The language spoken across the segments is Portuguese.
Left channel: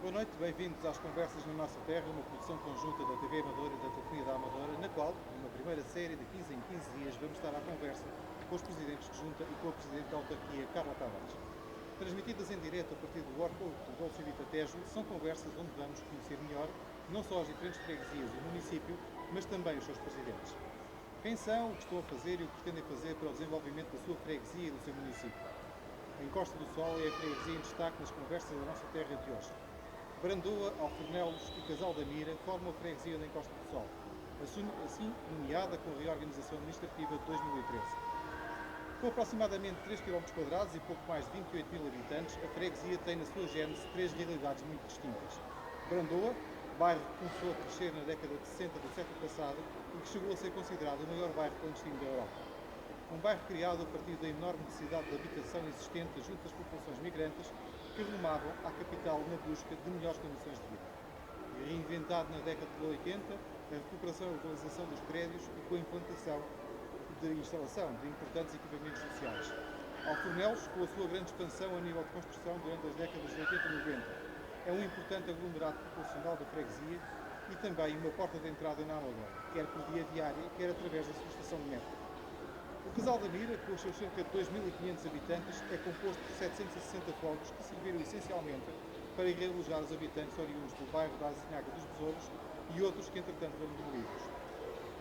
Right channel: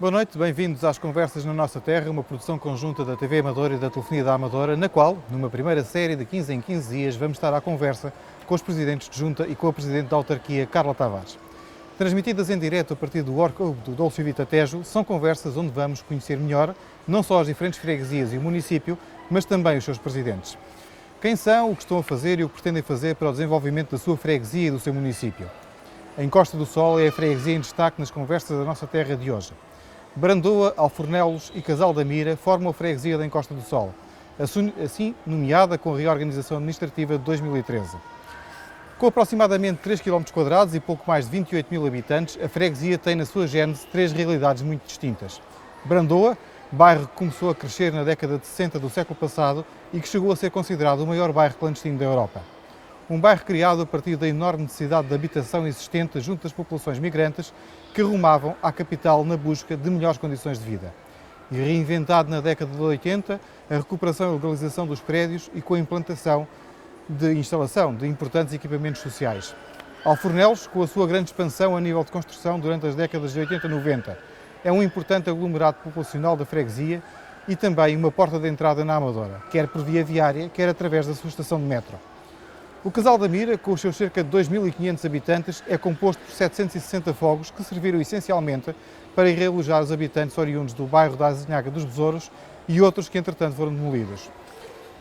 Boa noite, bem-vindos às Conversas na Nossa Terra, uma produção conjunta da TV Amadora e da Telefonia da Amadora, na qual, numa primeira série de 15 em 15 dias, vamos estar à conversa com os presidentes de junta e com a presidente da autarquia, Carla Tavares. Transmitidas em direto a partir do Orco do Dolce Vita Tejo, são conversas onde vamos conhecer melhor não só as diferentes freguesias e o município, mas também os seus presidentes. Quem são, o que estão a fazer e o que pretendem fazer para o desenvolvimento da sua freguesia e do seu município. A Encosta do Sol é a freguesia em destaque nas conversas da nossa terra de hoje. Brandoa, Alfornelos e Casal da Mira formam a freguesia da Encosta do Sol, assim nomeada com a reorganização administrativa de 2013. Com aproximadamente 3 km e pouco mais de 28 mil habitantes, a freguesia tem na sua gênese três realidades muito distintas. Brandoa, bairro que começou a crescer na década de 60 do século passado e que chegou a ser considerado o maior bairro clandestino da Europa. Um bairro criado a partir da enorme necessidade de habitação existente junto das populações migrantes que rumavam à capital na busca de melhores condições de vida. E reinventado na década de 80, a recuperação e legalização dos prédios e com a implantação de instalação de importantes equipamentos sociais. Alfornelos, com a sua grande expansão a nível de construção durante as décadas de 80 e 90, é um importante aglomerado populacional da freguesia e também uma porta de entrada na Amadora, quer por via viária, quer através da sua estação de metro. O Casal da Mira, com os seus cerca de 2.500 habitantes, é composto por 760 fogos que serviram essencialmente para realojar os habitantes oriundos do bairro da Azinhaga dos Besouros e outros que, entretanto, foram demolidos.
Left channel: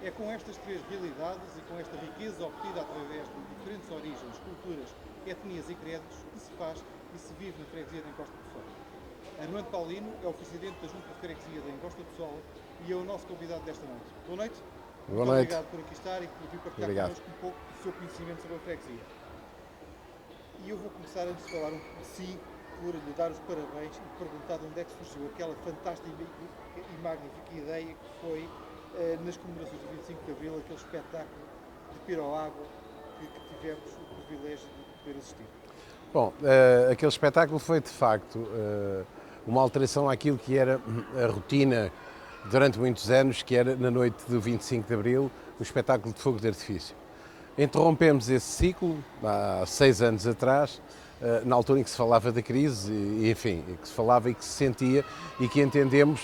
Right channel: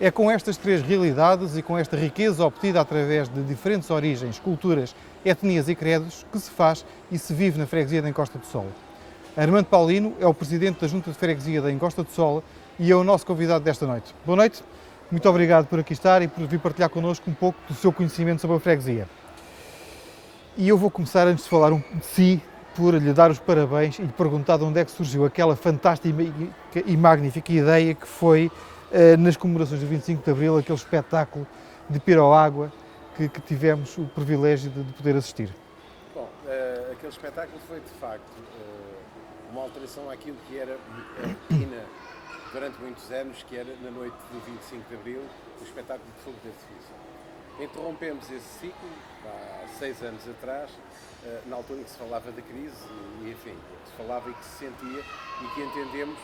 É com estas três realidades e com esta riqueza obtida através de diferentes origens, culturas, etnias e credos que se faz e se vive na freguesia da Encosta do Sol. Armando Paulino é o presidente da Junta de Freguesia da Encosta do Sol e é o nosso convidado desta noite. Boa noite. Muito obrigado por aqui estar e por vir partilhar connosco um pouco do seu conhecimento sobre a freguesia. E eu vou começar, antes de falar de si, por lhe dar os parabéns e lhe perguntar de onde é que surgiu aquela fantástica e magnífica ideia que foi, nas comemorações do 25 de Abril, aquele espetáculo de piroágua que tivemos o privilégio de poder assistir. Bom, aquele espetáculo foi, de facto, uma alteração àquilo que era a rotina durante muitos anos, que era na noite do 25 de Abril, o espetáculo de fogo de artifício. Interrompemos esse ciclo há 6 anos atrás, na altura em que se falava da crise, e enfim, que se falava e que se sentia, e que entendemos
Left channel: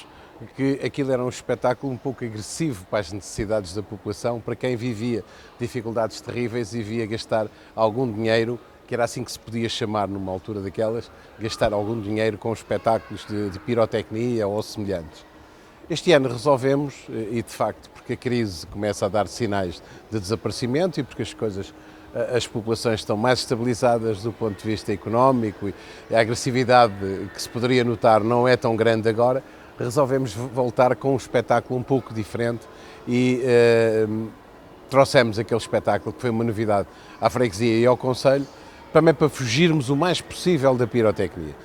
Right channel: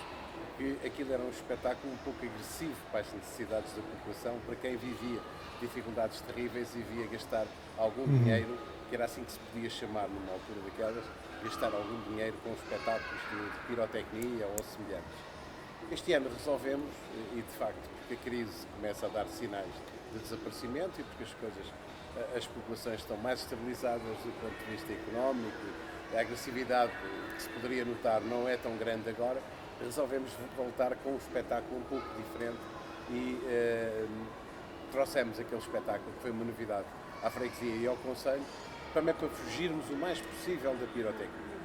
que aquilo era um espetáculo um pouco agressivo para as necessidades da população, para quem vivia dificuldades terríveis e via gastar algum dinheiro, que era assim que se podia chamar numa altura daquelas, gastar algum dinheiro com espetáculos de pirotecnia ou semelhantes. Este ano resolvemos, e de facto, porque a crise começa a dar sinais de desaparecimento e porque as populações estão mais estabilizadas do ponto de vista económico e a agressividade que se poderia notar não é tão grande agora, resolvemos voltar com um espetáculo um pouco diferente e trouxemos aquele espetáculo que foi uma novidade à freguesia e ao concelho, também para fugirmos o mais possível da pirotecnia.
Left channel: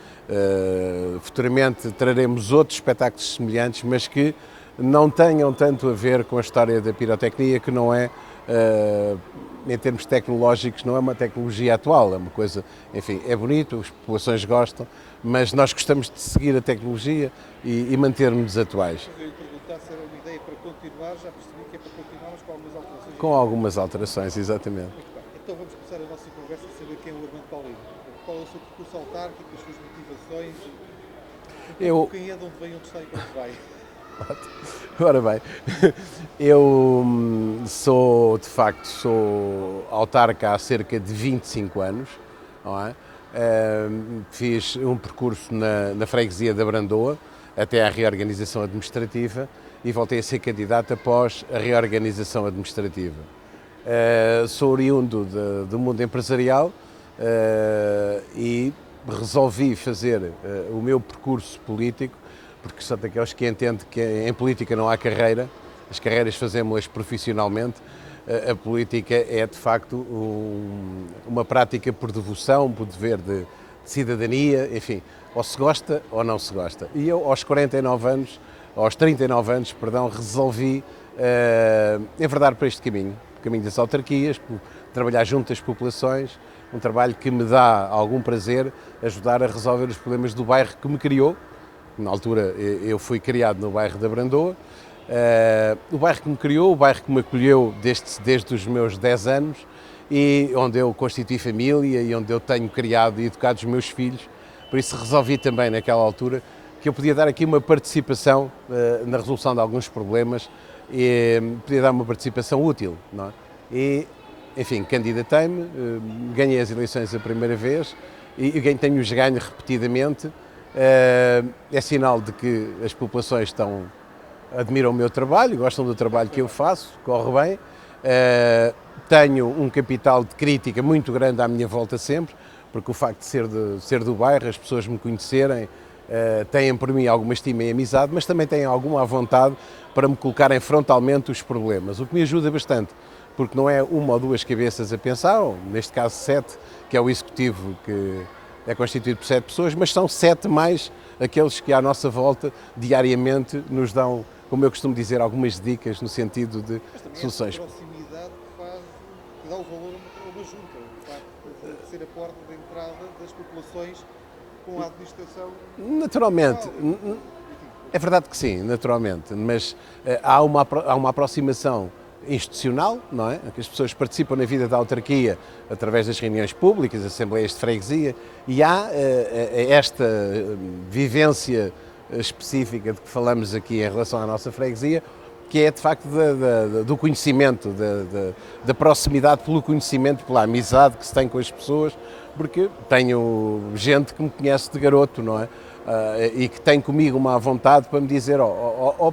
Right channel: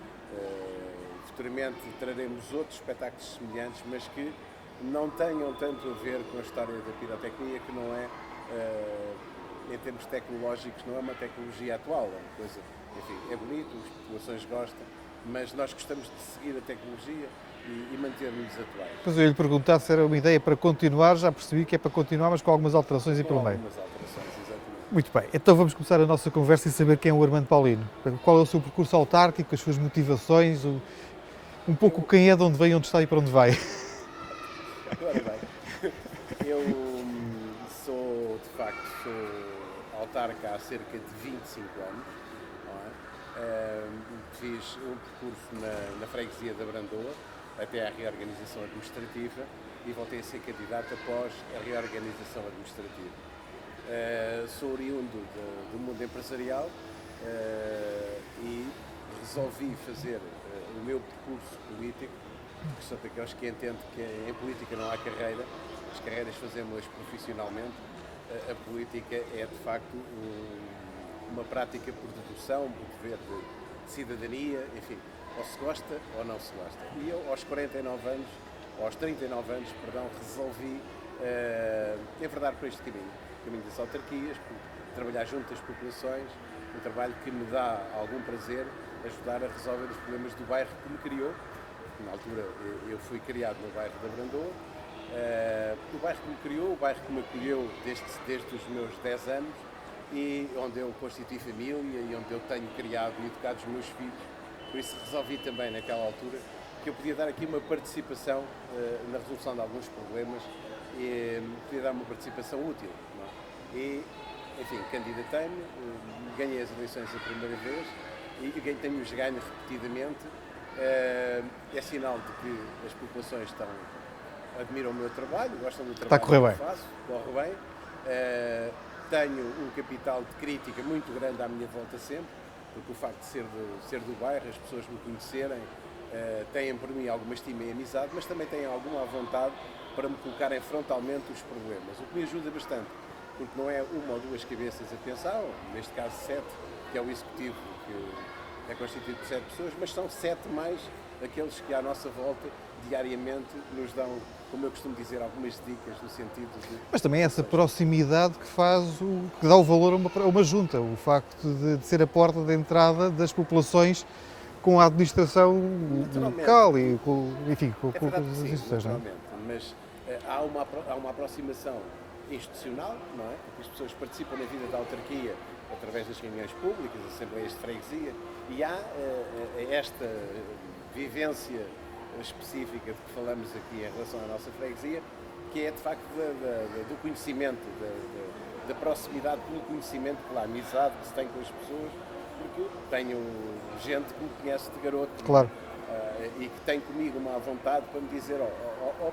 Futuramente traremos outros espetáculos semelhantes, mas que não tenham tanto a ver com a história da pirotecnia, que não é, em termos tecnológicos, não é uma tecnologia atual, é uma coisa, enfim, é bonito, as populações gostam, mas nós gostamos de seguir a tecnologia e manter-nos atuais. Mas eu ia lhe perguntar se era uma ideia para continuar, já percebi que é para continuar, mas com algumas alterações. Com algumas alterações, exatamente. Muito bem, então vamos começar a nossa conversa e saber quem é o Armando Paulino. Qual é o seu percurso autárquico, as suas motivações, um pouco quem é, de onde vem, onde está e para onde vai. Ora bem, eu sou, de facto, sou autarca há cerca de 25 anos, não é? Fiz um percurso na freguesia da Brandoa, até à reorganização administrativa, e voltei a ser candidato após a reorganização administrativa. Sou oriundo do mundo empresarial e resolvi fazer o meu percurso político, porque sou daqueles que entende que em política não há carreira, as carreiras fazemos-las profissionalmente. A política é, de facto, uma prática por devoção, por dever de cidadania, enfim, ou se gosta ou não se gosta. E eu, aos 39 anos, resolvi enverdar para este caminho, o caminho das autarquias, trabalhar junto às populações, um trabalho que me dá algum prazer, ajudar a resolver os problemas do bairro que me criou. Na altura, eu fui criado no bairro da Brandoa, o bairro que me criou, o bairro que me acolheu desde os meus 10 anos e onde eu constituí família e onde eu tenho criado e educado os meus filhos. Por isso resolvi também, naquela altura, que eu podia dar aqui uma participação na resolução de alguns problemas e podia dar uma participação útil, não é? E, enfim, candidatei-me, ganhei as eleições a primeira vez e tenho-os ganho repetidamente. É sinal de que as populações admiram o meu trabalho, gostam do trabalho que eu faço, corre bem. Tenho um capital de crítica muito grande à minha volta sempre, porque o facto de ser do bairro, as pessoas me conhecerem, têm por mim alguma estima e amizade, mas também têm alguma vontade para me colocarem frontalmente os problemas, o que me ajuda bastante, porque não é uma ou duas cabeças a pensar, ou neste caso 7, que é o executivo que é constituído por 7 pessoas, mas são 7 mais aqueles que à nossa volta diariamente nos dão, como eu costumo dizer, algumas dicas no sentido de Mas também soluções. essa proximidade que dá o valor a uma junta, o facto de ser a porta de entrada das populações com a administração naturalmente local enfim, é verdade que sim, naturalmente, mas há uma aproximação institucional, não é? Que as pessoas participam na vida da autarquia através das reuniões públicas, assembleias de freguesia, e há esta vivência específica de que falamos aqui em relação à nossa freguesia, que é de facto do conhecimento, da proximidade pelo conhecimento, pela amizade que se tem com as pessoas, porque tenho gente que me conhece de garoto, não é? E que tem comigo uma vontade para me dizer,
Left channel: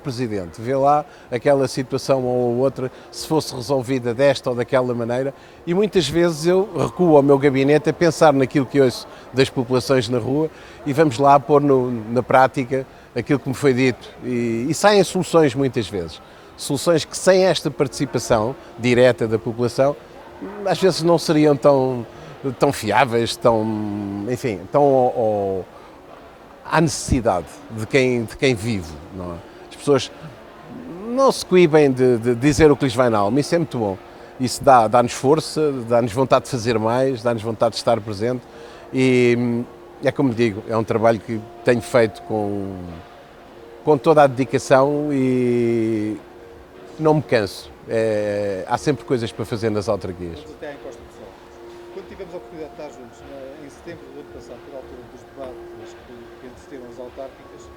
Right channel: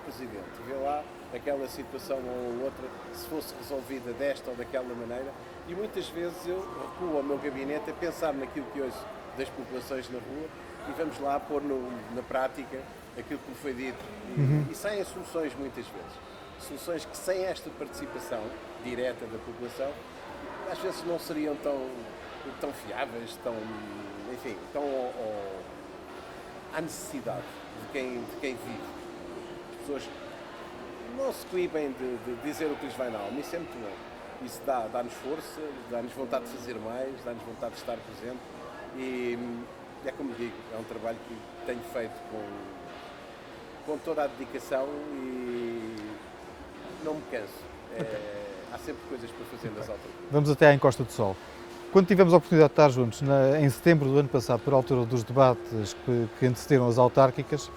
Presidente, vê lá aquela situação ou outra, se fosse resolvida desta ou daquela maneira, e muitas vezes eu recuo ao meu gabinete a pensar naquilo que ouço das populações na rua e vamos lá pôr na prática aquilo que me foi dito e saem soluções muitas vezes. Soluções que sem esta participação direta da população, às vezes não seriam tão fiáveis, enfim, à necessidade de quem vive. Não é? As pessoas não se coíbem de dizer o que lhes vai na alma, isso é muito bom. Isso dá-nos força, dá-nos vontade de fazer mais, dá-nos vontade de estar presente e é como digo, é um trabalho que tenho feito com toda a dedicação e não me canso. Há sempre coisas para fazer nas autarquias. Vamos até à Encosta do Sol. Quando tivemos a oportunidade de estar juntos, em setembro do ano passado, por altura dos debates que antecederam as autárquicas,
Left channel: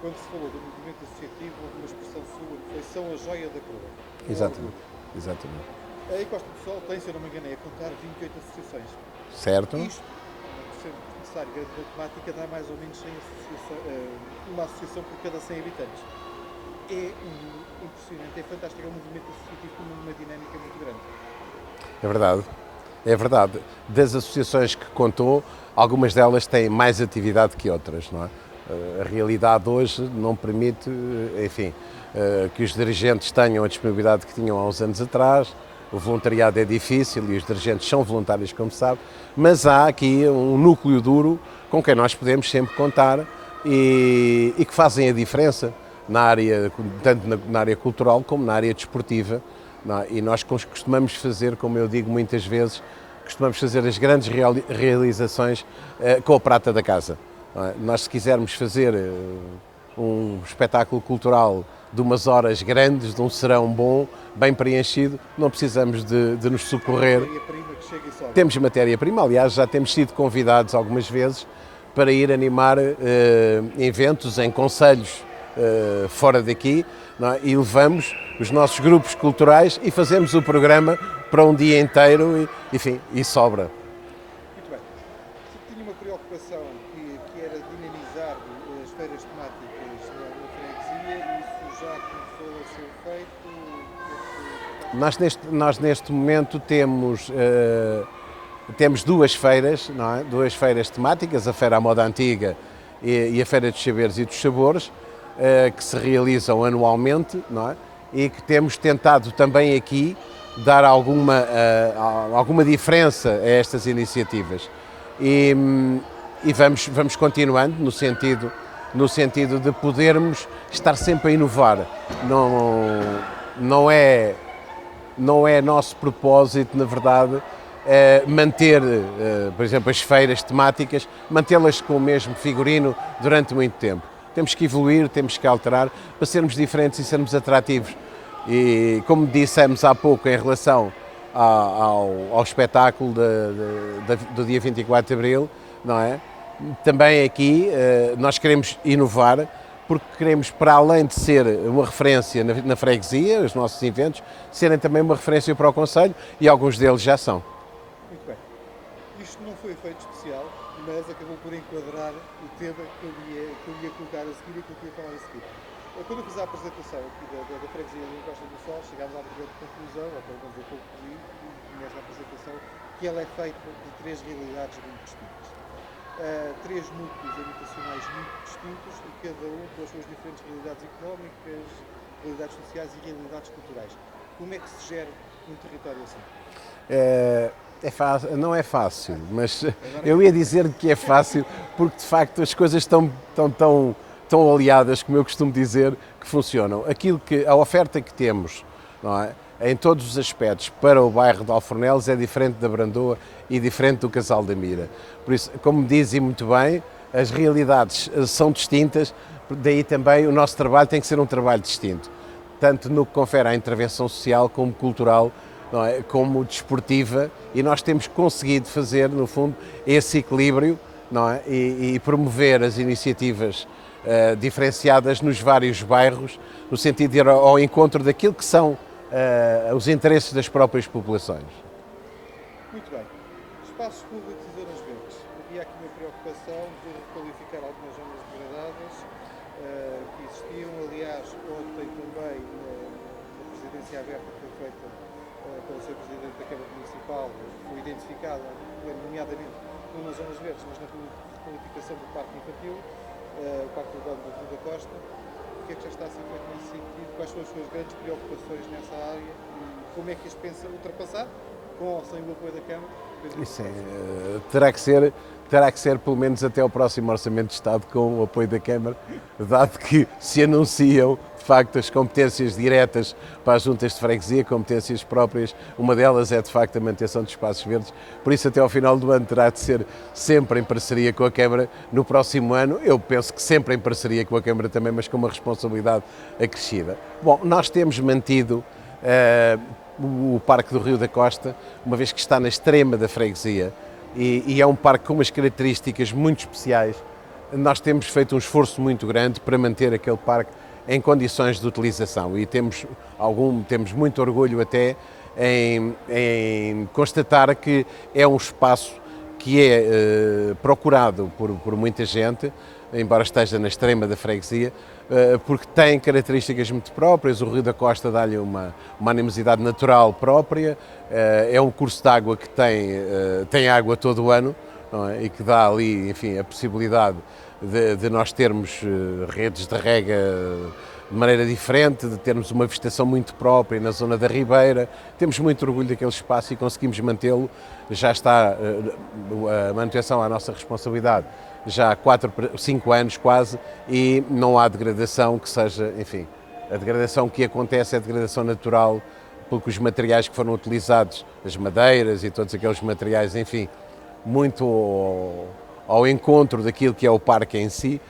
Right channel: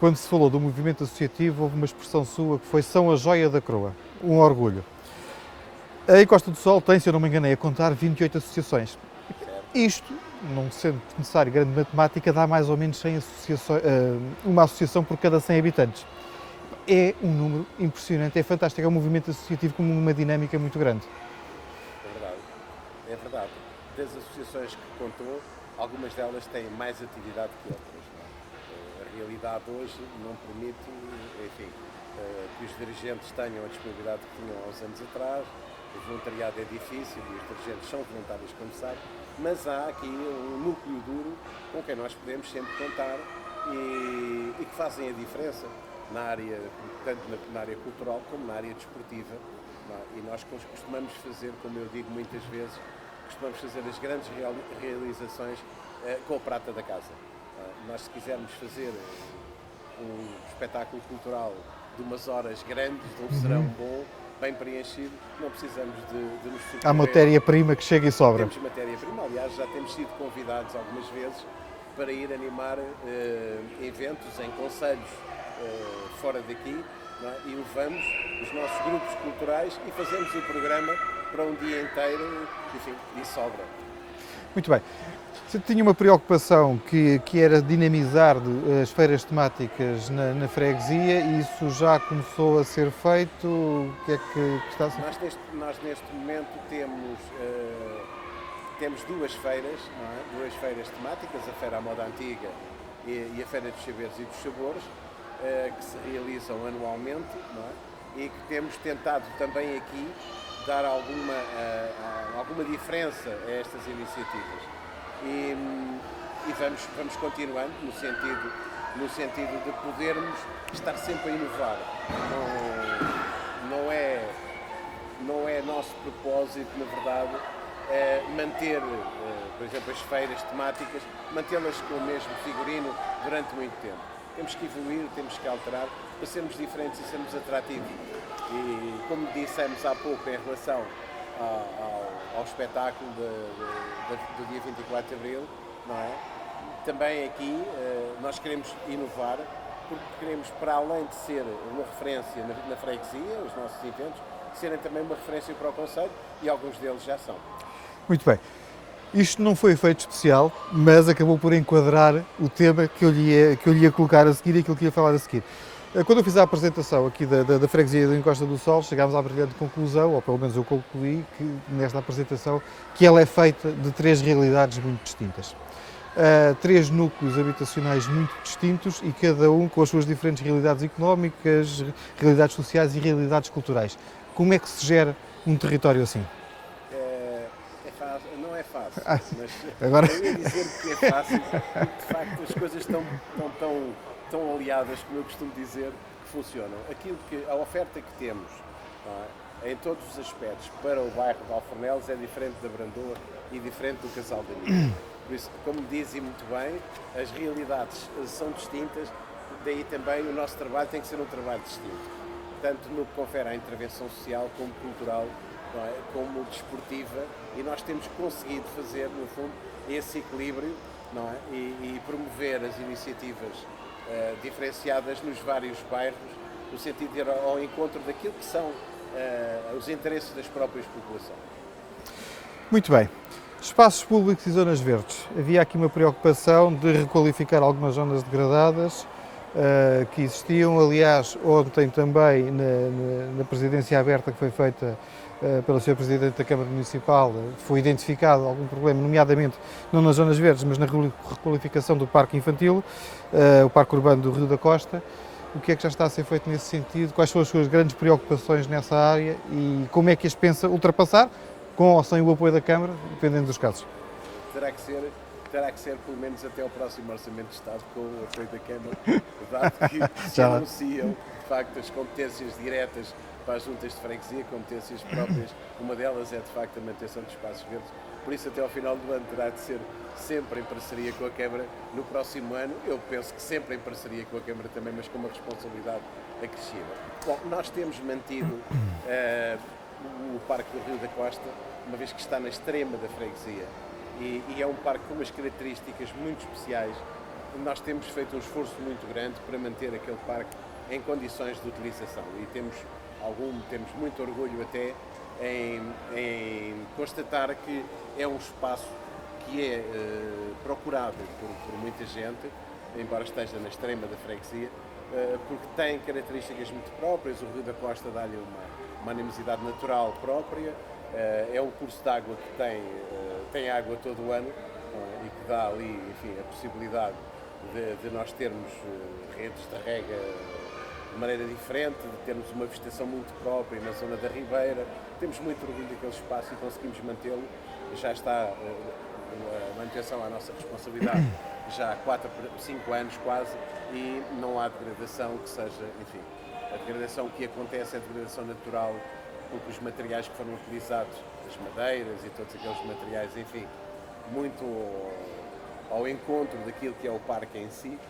quando se falou do movimento associativo, houve uma expressão sua que foi "são a joia da coroa", orgulho. Exatamente. A Encosta do Sol tem, se eu não me enganei, a contar 28 associações. Certo. Isto, não sendo necessário grande matemática, dá mais ou menos 100 uma associação por cada 100 habitantes. É um número impressionante, é fantástico, é um movimento associativo com uma dinâmica muito grande. É verdade. É verdade. Das associações que contou, algumas delas têm mais atividade que outras, não é? A realidade hoje não permite, enfim, que os dirigentes tenham a disponibilidade que tinham há uns anos atrás. O voluntariado é difícil e os dirigentes são voluntários, como sabe, mas há aqui um núcleo duro com quem nós podemos sempre contar e que fazem a diferença tanto na área cultural como na área desportiva. E nós costumamos fazer, como eu digo muitas vezes, costumamos fazer as grandes realizações com a prata da casa. Nós, se quisermos fazer um espetáculo cultural de umas horas grandes, de um serão bom, bem preenchido, não precisamos de nos socorrer. Há matéria-prima que chega e sobra. Temos matéria-prima, aliás, já temos sido convidados algumas vezes para ir animar eventos em concelhos fora daqui, não é? E levamos os nossos grupos culturais e fazemos o programa para um dia inteiro e sobra. Muito bem. Você tinha uma preocupação que era dinamizar as feiras temáticas na freguesia e isso já começou a ser feito? O que é que está a ser? Nós neste momento temos duas feiras, não é? Duas feiras temáticas, a Feira à Moda Antiga e a Feira dos Saberes e dos Sabores, que se realizam anualmente, não é? E que temos tentado também aqui dar alguma diferença a estas iniciativas. E vamos continuando no sentido de podermos estar sempre a inovar. Não é nosso propósito, na verdade, manter, por exemplo, as feiras temáticas, mantê-las com o mesmo figurino durante muito tempo. Temos que evoluir, temos que alterar para sermos diferentes e sermos atrativos. E como dissemos há pouco em relação ao espetáculo do dia 24 de Abril, não é? também aqui nós queremos inovar, porque queremos, para além de ser uma referência na freguesia, os nossos eventos, serem também uma referência para o concelho, e alguns deles já são. Muito bem. Isto não foi efeito especial, mas acabou por enquadrar o tema que eu lhe ia colocar a seguir e aquilo que ia falar a seguir. Quando eu fiz a apresentação aqui da freguesia da Encosta do Sol, chegámos à brilhante conclusão, ou pelo menos eu concluí, que nesta apresentação, que ela é feita de três realidades muito distintas. Três núcleos habitacionais muito distintos e cada um com as suas diferentes realidades económicas, realidades sociais e realidades culturais. Como é que se gera um território assim? Não é fácil, mas agora eu ia dizer que é fácil porque de facto as coisas estão tão aliadas, como eu costumo dizer, que funcionam. A oferta que temos, não é, em todos os aspectos para o bairro de Alfornelos é diferente da Brandoa e diferente do Casal da Mira. Por isso, como dizem muito bem, as realidades são distintas, daí também o nosso trabalho tem que ser um trabalho distinto, tanto no que confere à intervenção social como cultural, não é, como desportiva, e nós temos conseguido fazer, no fundo, esse equilíbrio, não é, e promover as iniciativas diferenciadas nos vários bairros, no sentido de ir ao encontro daquilo que são os interesses das próprias populações. Muito bem. Espaços públicos e zonas verdes. Havia aqui uma preocupação de requalificar algumas zonas degradadas que existiam. Aliás, ontem também, na presidência aberta que foi feita pelo Sr. Presidente da Câmara Municipal, foi identificado algum problema, nomeadamente não nas zonas verdes, mas na requalificação do Parque Infantil, o Parque Urbano do Rio da Costa. O que é que já está a ser feito nesse sentido? Quais são as suas grandes preocupações nessa área e como é que as pensa ultrapassar, com ou sem o apoio da Câmara, dependendo dos casos? Terá que ser pelo menos até o próximo Orçamento de Estado com o apoio da Câmara, dado que se anunciam de facto as competências diretas para as juntas de freguesia, competências próprias, uma delas é de facto a manutenção de espaços verdes, por isso até ao final do ano terá de ser sempre em parceria com a Câmara. No próximo ano eu penso que sempre em parceria com a Câmara também, mas com uma responsabilidade acrescida. Bom, nós temos mantido o Parque do Rio da Costa, uma vez que está na extrema da freguesia, e é um parque com umas características muito especiais. Nós temos feito um esforço muito grande para manter aquele parque em condições de utilização e temos muito orgulho até em constatar que é um espaço que é procurado por muita gente, embora esteja na extrema da freguesia, porque tem características muito próprias. O Rio da Costa dá-lhe uma animosidade natural própria, é um curso de água que tem água todo o ano, não é? E que dá ali, enfim, a possibilidade de nós termos redes de rega de maneira diferente, de termos uma vegetação muito própria na zona da Ribeira. Temos muito orgulho daquele espaço e conseguimos mantê-lo. Já está a manutenção à nossa responsabilidade já há 5 anos quase, e não há degradação que seja, enfim, a degradação que acontece é a degradação natural, porque os materiais que foram utilizados, as madeiras e todos aqueles materiais, enfim, muito ao encontro daquilo que é o parque em si,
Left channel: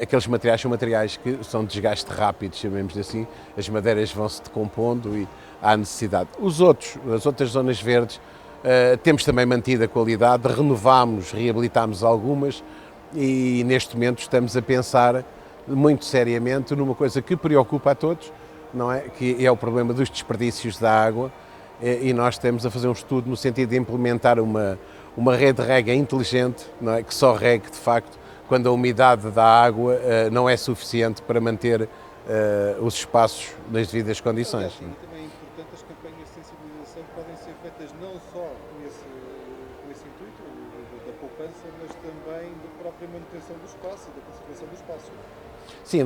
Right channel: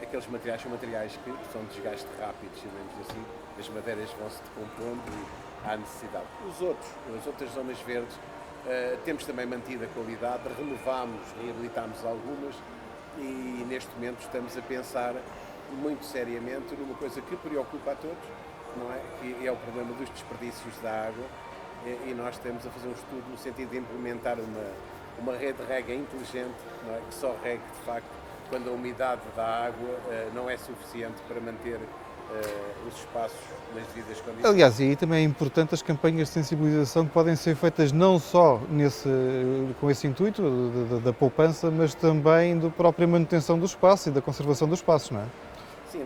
aqueles materiais são materiais que são de desgaste rápido, chamemos assim, as madeiras vão-se decompondo e há necessidade. As outras zonas verdes, temos também mantido a qualidade, renovámos, reabilitámos algumas, e neste momento estamos a pensar muito seriamente numa coisa que preocupa a todos, não é? Que é o problema dos desperdícios da água, e nós estamos a fazer um estudo no sentido de implementar uma rede de rega inteligente, não é? Que só regue de facto quando a umidade da água não é suficiente para manter os espaços nas devidas condições. Aliás, e aí também é importante as campanhas de sensibilização que podem ser feitas não só com esse intuito da poupança, mas também da própria manutenção do espaço e da conservação dos espaços, não é? Sim,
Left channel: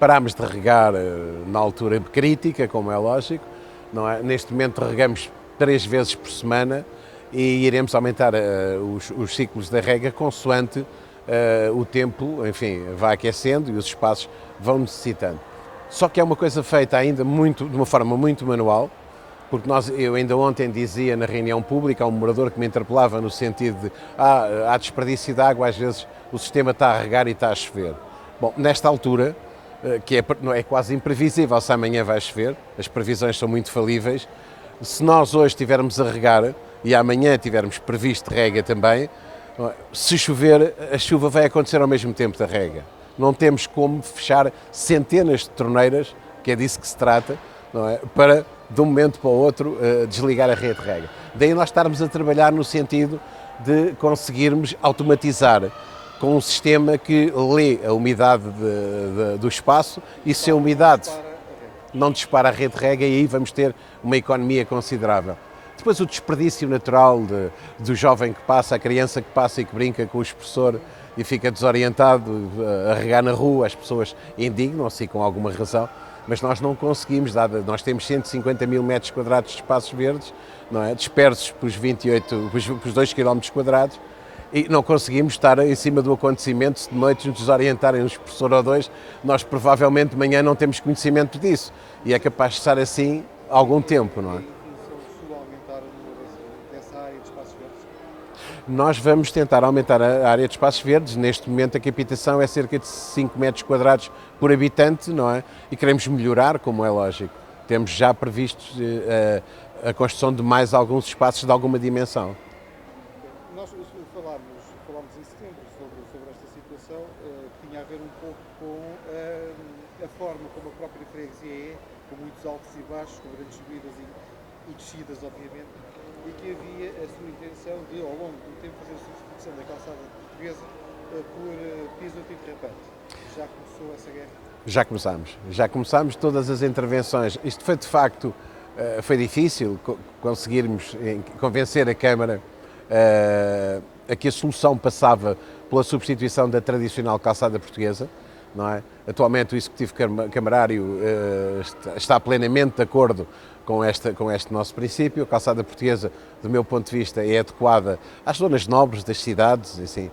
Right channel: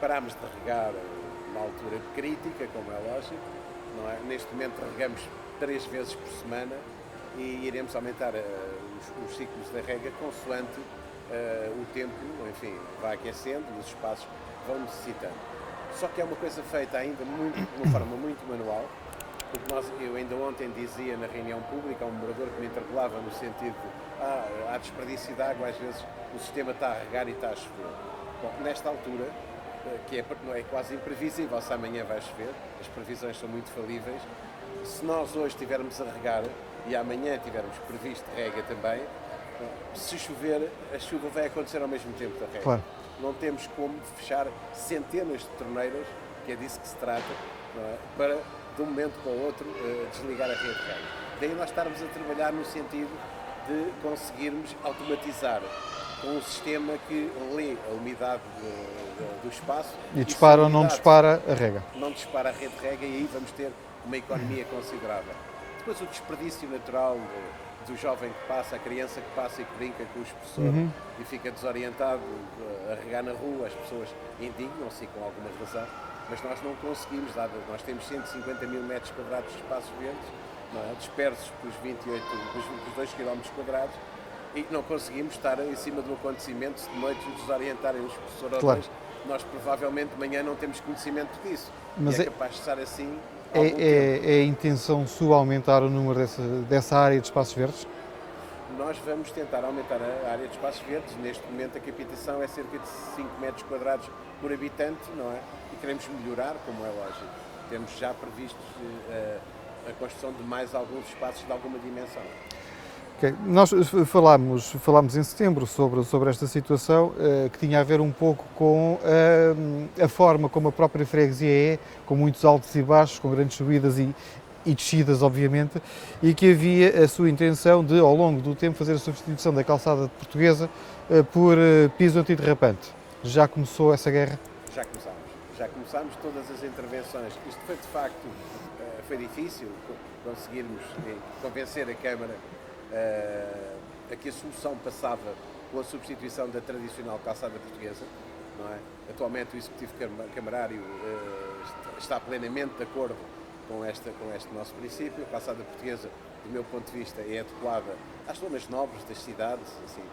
parámos de regar na altura crítica, como é lógico, não é? Neste momento regamos 3 vezes por semana e iremos aumentar os ciclos da rega consoante o tempo, enfim, vai aquecendo e os espaços vão necessitando. Só que é uma coisa feita ainda de uma forma muito manual, porque eu ainda ontem dizia na reunião pública a um morador que me interpelava no sentido de há desperdício de água, às vezes o sistema está a regar e está a chover. Bom, nesta altura, que é quase imprevisível se amanhã vai chover, as previsões são muito falíveis, se nós hoje estivermos a regar, e amanhã tivermos previsto rega também, se chover, a chuva vai acontecer ao mesmo tempo da rega. Claro. Não temos como fechar centenas de torneiras, que é disso que se trata, não é? Para, de um momento para o outro, desligar a rede de rega. Daí nós estarmos a trabalhar no sentido de conseguirmos automatizar com um sistema que lê a umidade do espaço E se a umidade não dispara a rega. Não dispara a rede de rega, e aí vamos ter uma economia considerável. Depois o desperdício natural do jovem que passa, a criança que passa e que brinca com o expressor e fica desorientado a regar na rua, as pessoas indignam-se com alguma razão, mas nós não conseguimos, nós temos 150 mil metros quadrados de espaços verdes, não é? Dispersos pelos 2 km quadrados, e não conseguimos estar em cima do acontecimento. Se de noite nos desorientarem um expressor ou dois, nós provavelmente de manhã não temos conhecimento disso. Mas e é capaz de estar assim algum tempo. Não é? É a intenção sua aumentar o número dessa área de espaços verdes? Nós vamos tentar aumentar a área de espaços verdes. Neste momento a captação é cerca de 5 metros quadrados por habitante, não é? E queremos melhorar, como é lógico. Temos já previsto a construção de mais alguns espaços de alguma dimensão. Okay. Nós falámos em setembro sobre esta situação, que tinha a ver um pouco com a forma como a própria freguesia é, com muitos altos e baixos, com grandes subidas e descidas, obviamente, e que havia a sua intenção de, ao longo do tempo, fazer a substituição da calçada portuguesa por piso antiderrapante. Já começou essa guerra? Já começámos todas as intervenções. Isto foi, de facto, foi difícil conseguirmos convencer a Câmara a que a solução passava pela substituição da tradicional calçada portuguesa, não é? Atualmente o Executivo Camarário está plenamente de acordo com este nosso princípio. A calçada portuguesa, do meu ponto de vista, é adequada às zonas nobres das cidades, assim,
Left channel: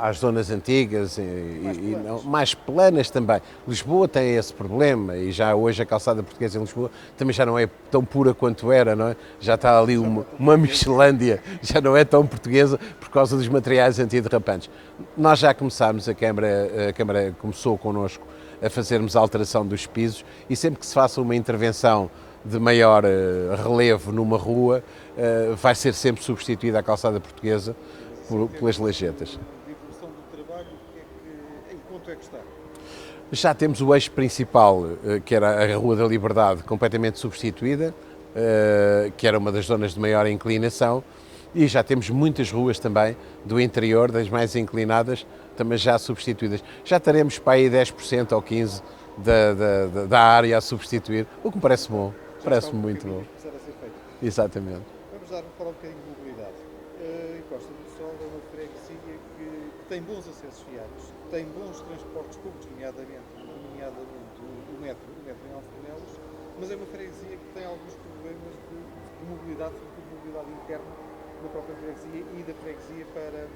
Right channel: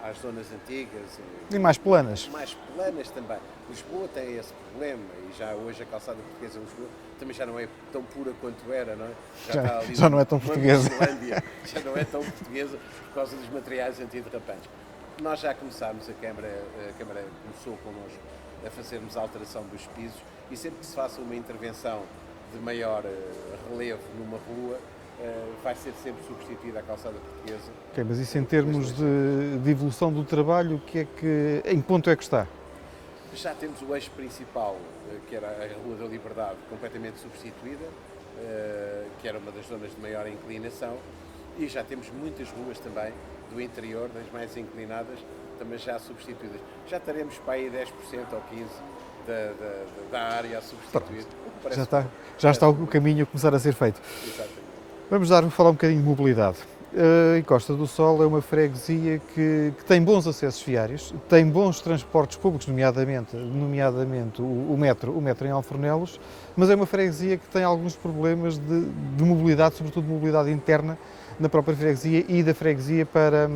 às zonas antigas e mais planas. Mais planas também. Lisboa tem esse problema, e já hoje a calçada portuguesa em Lisboa também já não é tão pura quanto era, não é? Já está ali uma Michelândia, já não é tão portuguesa por causa dos materiais antiderrapantes. Nós já começámos, a Câmara começou connosco a fazermos a alteração dos pisos, e sempre que se faça uma intervenção de maior relevo numa rua, vai ser sempre substituída a calçada portuguesa. Okay, mas isso em termos de evolução do trabalho, em que ponto é que está? Já temos o eixo principal, que era a Rua da Liberdade, completamente substituída, que era uma das zonas de maior inclinação, e já temos muitas ruas também do interior, das mais inclinadas, também já substituídas. Já teremos para aí 10% ou 15% da área a substituir, o que me parece bom. Já está algum caminho a começar a ser feito. Exatamente. Vamos falar um bocadinho de mobilidade. A Costa do Sol é uma freguesia que tem bons acessos viários, tem bons transportes públicos, nomeadamente o metro em Alfornelos, mas é uma freguesia que tem alguns problemas de mobilidade, sobretudo de mobilidade interna na própria freguesia e da freguesia para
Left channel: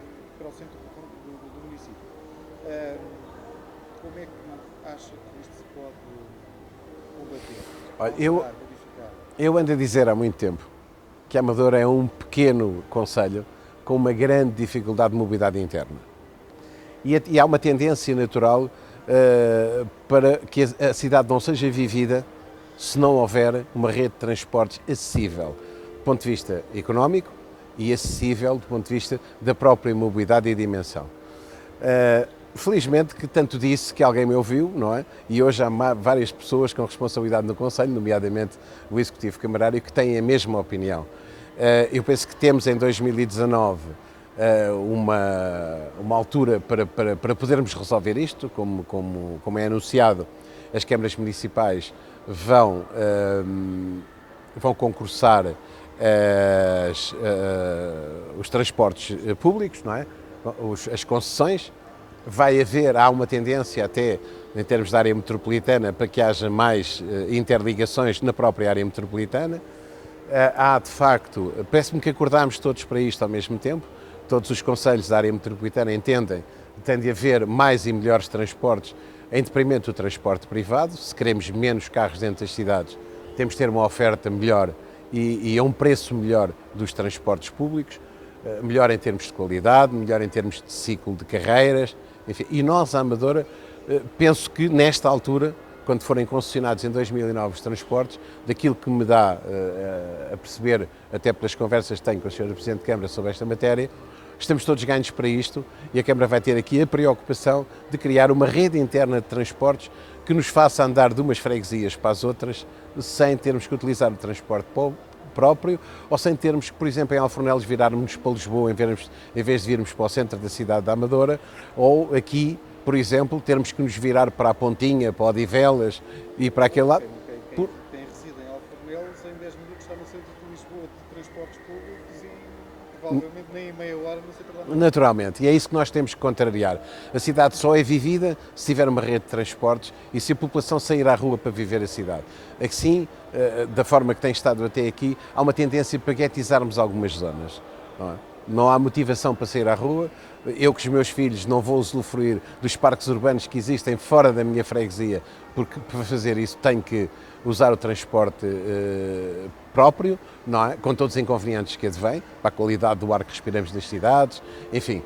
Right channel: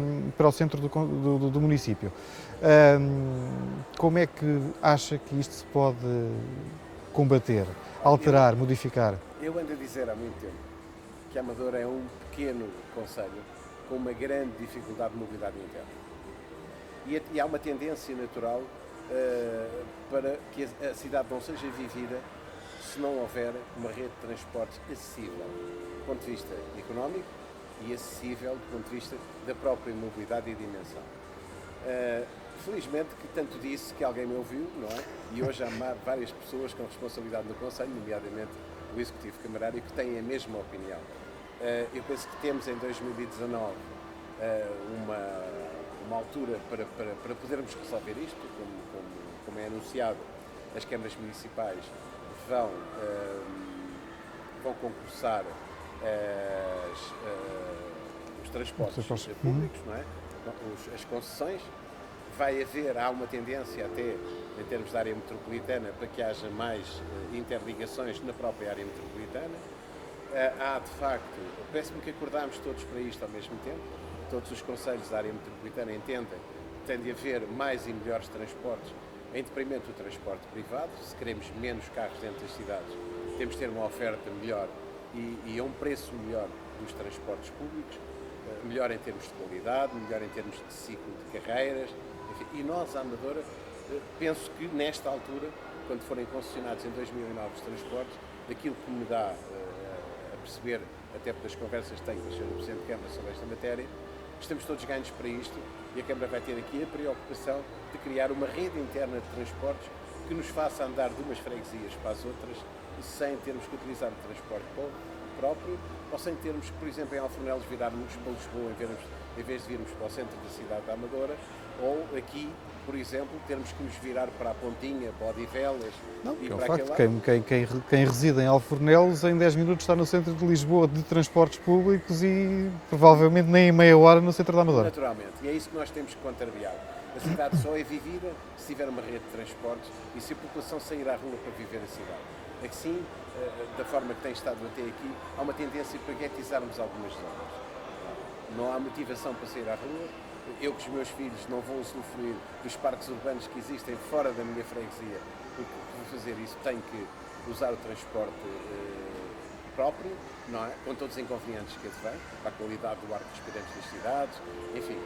o centro do município. Como é que acha que isto se pode combater, alterar, modificar? Eu ando a dizer há muito tempo que a Amadora é um pequeno concelho com uma grande dificuldade de mobilidade interna. E há uma tendência natural para que a cidade não seja vivida se não houver uma rede de transportes acessível, do ponto de vista económico, e acessível do ponto de vista da própria mobilidade e dimensão. Felizmente que tanto disse que alguém me ouviu, não é? E hoje há várias pessoas com responsabilidade no Conselho, nomeadamente o Executivo Camarário, que têm a mesma opinião. Eu penso que temos em 2019 uma altura para podermos resolver isto, como é anunciado. As câmaras municipais vão concursar os transportes públicos, não é? As concessões. Há uma tendência até, em termos de área metropolitana, para que haja mais interligações na própria área metropolitana. Há, de facto, parece-me que acordámos todos para isto ao mesmo tempo, todos os concelhos da área metropolitana entendem que tem de haver mais e melhores transportes em detrimento do transporte privado. Se queremos menos carros dentro das cidades, temos de ter uma oferta melhor e a um preço melhor dos transportes públicos, melhor em termos de qualidade, melhor em termos de ciclo de carreiras, enfim. E nós, a Amadora, penso que nesta altura quando forem concessionados em 2009 os transportes, daquilo que me dá a perceber, até pelas conversas que tenho com o Sr. Presidente de Câmara sobre esta matéria, estamos todos ganhos para isto e a Câmara vai ter aqui a preocupação de criar uma rede interna de transportes que nos faça andar de umas freguesias para as outras sem termos que utilizar o transporte próprio ou sem termos que, por exemplo, em Alfornelos virarmos para Lisboa em vez de virmos para o centro da cidade da Amadora, ou aqui, por exemplo, termos que nos virar para a Pontinha, para Odivelas e para aquele lado. Quem reside em Alfornelos em 10 minutos está no centro de Lisboa de transportes públicos e provavelmente nem em meia hora no centro da Amadora. Naturalmente, e é isso que nós temos que contrariar. A cidade só é vivida se tiver uma rede de transportes e se a população sair à rua para viver a cidade. Assim, da forma que tem estado até aqui, há uma tendência para guetizarmos algumas zonas. Não há motivação para sair à rua. Eu com os meus filhos não vou usufruir dos parques urbanos que existem fora da minha freguesia, porque para fazer isso tenho que usar o transporte próprio, não é? Com todos os inconvenientes que advém, para a qualidade do ar que respiramos das cidades, enfim,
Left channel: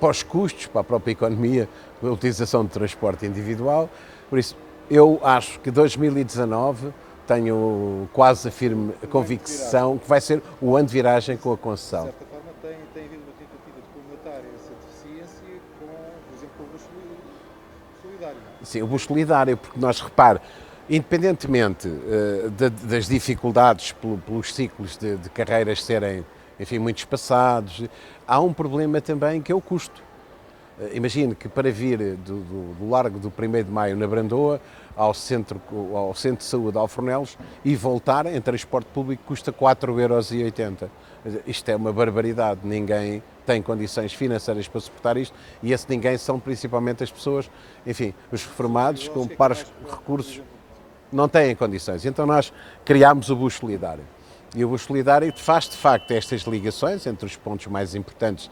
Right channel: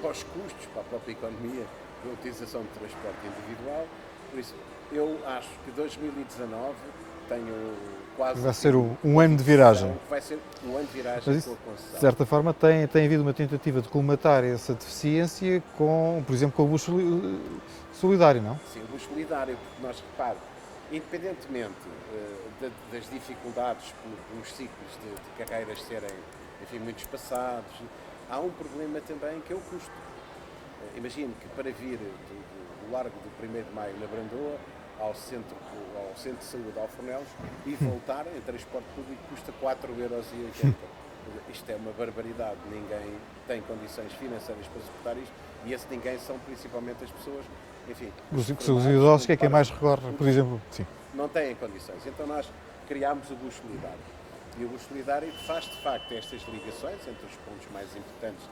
para os custos, para a própria economia, a utilização de transporte individual. Por isso, eu acho que 2019 tenho quase a convicção que vai ser o ano de viragem com a concessão. De certa forma tem havido uma tentativa de colmatar essa deficiência com, por exemplo, com o bus solidário, não? Sim, o bus solidário, porque nós, repare, independentemente das dificuldades pelos ciclos de carreiras serem, enfim, muito espaçados, há um problema também que é o custo. Imagine que para vir do Largo do 1º de Maio na Brandoa ao centro de saúde de Alfornelos e voltar em transporte público custa 4,80 €. Isto é uma barbaridade, ninguém tem condições financeiras para suportar isto e esse ninguém são principalmente as pessoas, enfim, os reformados com pares recursos, não têm condições. Então nós criámos o bus solidário. E o bus solidário faz de facto estas ligações entre os pontos mais importantes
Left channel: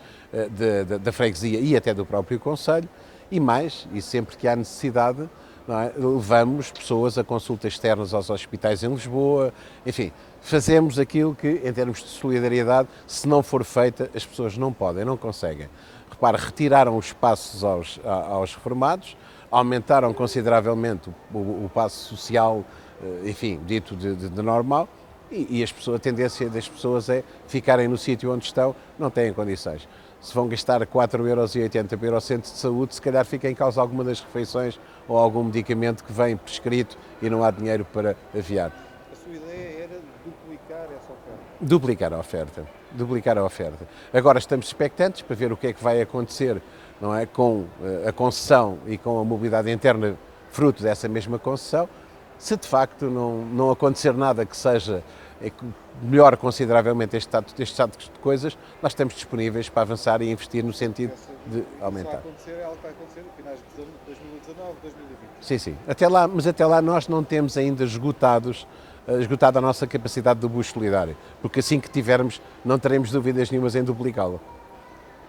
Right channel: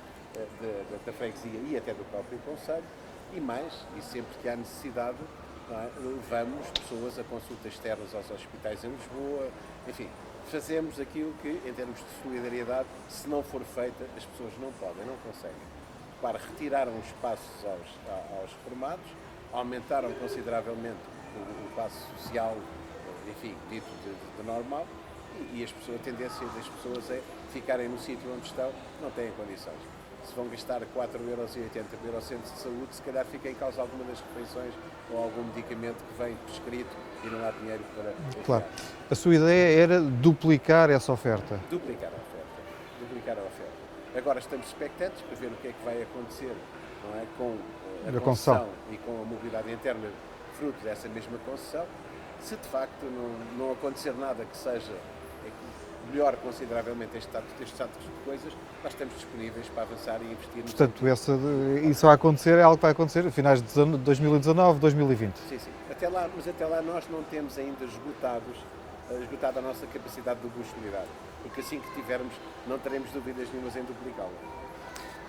da freguesia e até do próprio concelho e sempre que há necessidade, não é, levamos pessoas a consultas externas aos hospitais em Lisboa, enfim, fazemos aquilo que, em termos de solidariedade, se não for feita, as pessoas não podem, não conseguem. Repara, retiraram os passos aos reformados, aumentaram consideravelmente o passo social, enfim, dito de normal, e a tendência das pessoas é ficarem no sítio onde estão, não têm condições. Se vão gastar 4,80 € para ir ao centro de saúde, se calhar fica em causa alguma das refeições ou algum medicamento que vem prescrito e não há dinheiro para aviar. Claro. A sua ideia era duplicar essa oferta? Duplicar a oferta. Agora estamos expectantes para ver o que é que vai acontecer, não é, com a concessão e com a mobilidade interna fruto dessa mesma concessão. Se de facto não acontecer nada que seja melhor consideravelmente este estado de coisas, nós estamos disponíveis para avançar e investir no sentido isso vai acontecer, é algo que vai acontecer a finais de 2019, 2020. Sim. Até lá nós não temos ainda esgotada a nossa capacidade do bus solidário, porque assim que tivermos não teremos dúvidas nenhumas em duplicá-lo.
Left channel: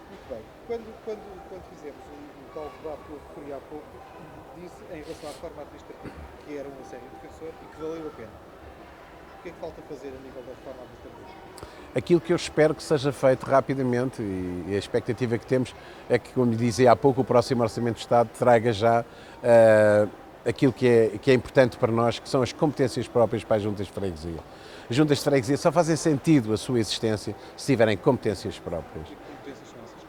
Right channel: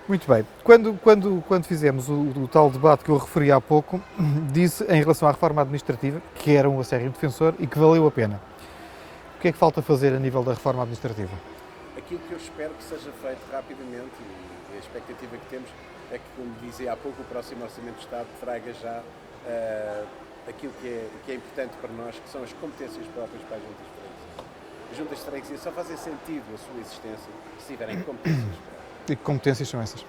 Muito bem. Quando fizemos o tal debate que eu referi há pouco, disse em relação à reforma administrativa que era um acérrimo defensor e que valeu a pena. O que é que falta fazer a nível da reforma administrativa? Aquilo que eu espero que seja feito rapidamente e a expectativa que temos é que, como dizia há pouco, o próximo Orçamento de Estado traga já aquilo que é importante para nós, que são as competências próprias para as juntas de freguesia. As juntas de freguesia só fazem sentido a sua existência se tiverem competências próprias. E que competências são essas?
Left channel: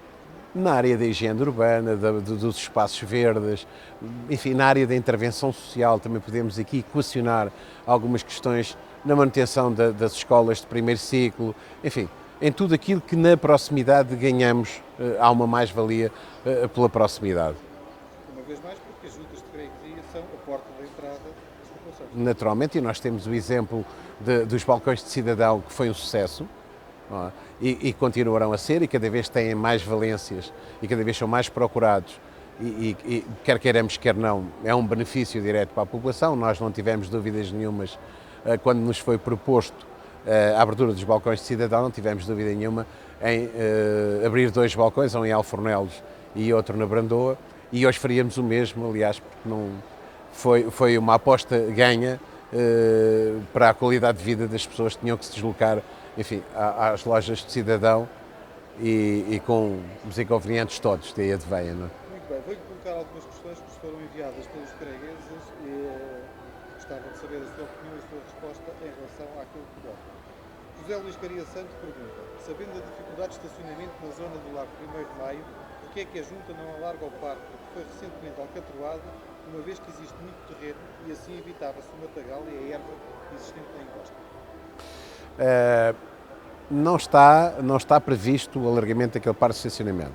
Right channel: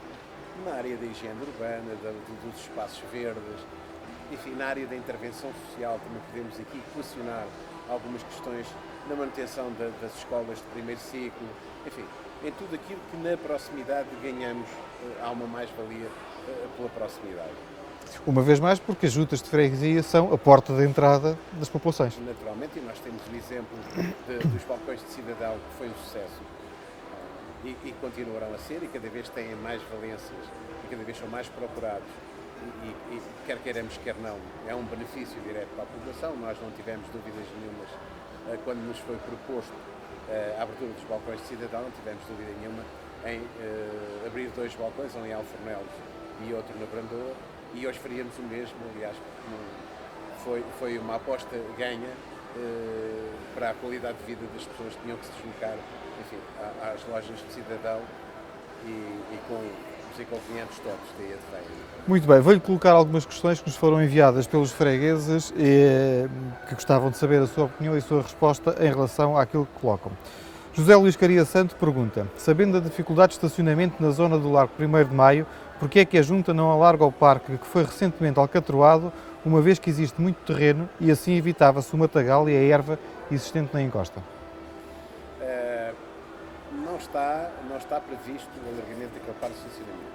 Na área da higiene urbana, dos espaços verdes, enfim, na área da intervenção social também podemos aqui equacionar algumas questões na manutenção das escolas de primeiro ciclo, enfim, em tudo aquilo que na proximidade ganhamos, há uma mais-valia pela proximidade. Uma vez mais, porque as juntas de freguesia são a porta de entrada das populações. Naturalmente, e nós temos o exemplo dos balcões de cidadão, que foi um sucesso, não é? E continuarão a ser, e cada vez têm mais valências, e cada vez são mais procurados, e quer queiramos, quer não, é um benefício direto para a população. Nós não tivemos dúvidas nenhumas quando nos foi proposto a abertura dos balcões de cidadão, não tivemos dúvida nenhuma em abrir 2 balcões, um em Alfornelos e outro na Brandoa, e hoje faríamos o mesmo, aliás, porque não foi uma aposta ganha para a qualidade de vida das pessoas que tinham que se deslocar, enfim, às lojas de cidadão e com os inconvenientes todos daí advêm. Não é? Muito bem, vou-lhe colocar algumas questões que nos foram enviadas pelos fregueses que gostavam de saber a sua opinião e a sua resposta em relação àquilo que colocam. José Luís Caria Santo pergunta: sabendo da dificuldade de estacionamento na zona do Largo 1º de Maio, porque é que a Junta não alarga o parque que foi recentemente alcatroado, uma vez que existe muito terreno e assim evitava-se o matagal e a erva existente na encosta? Não está previsto o alargamento daquele parque de estacionamento.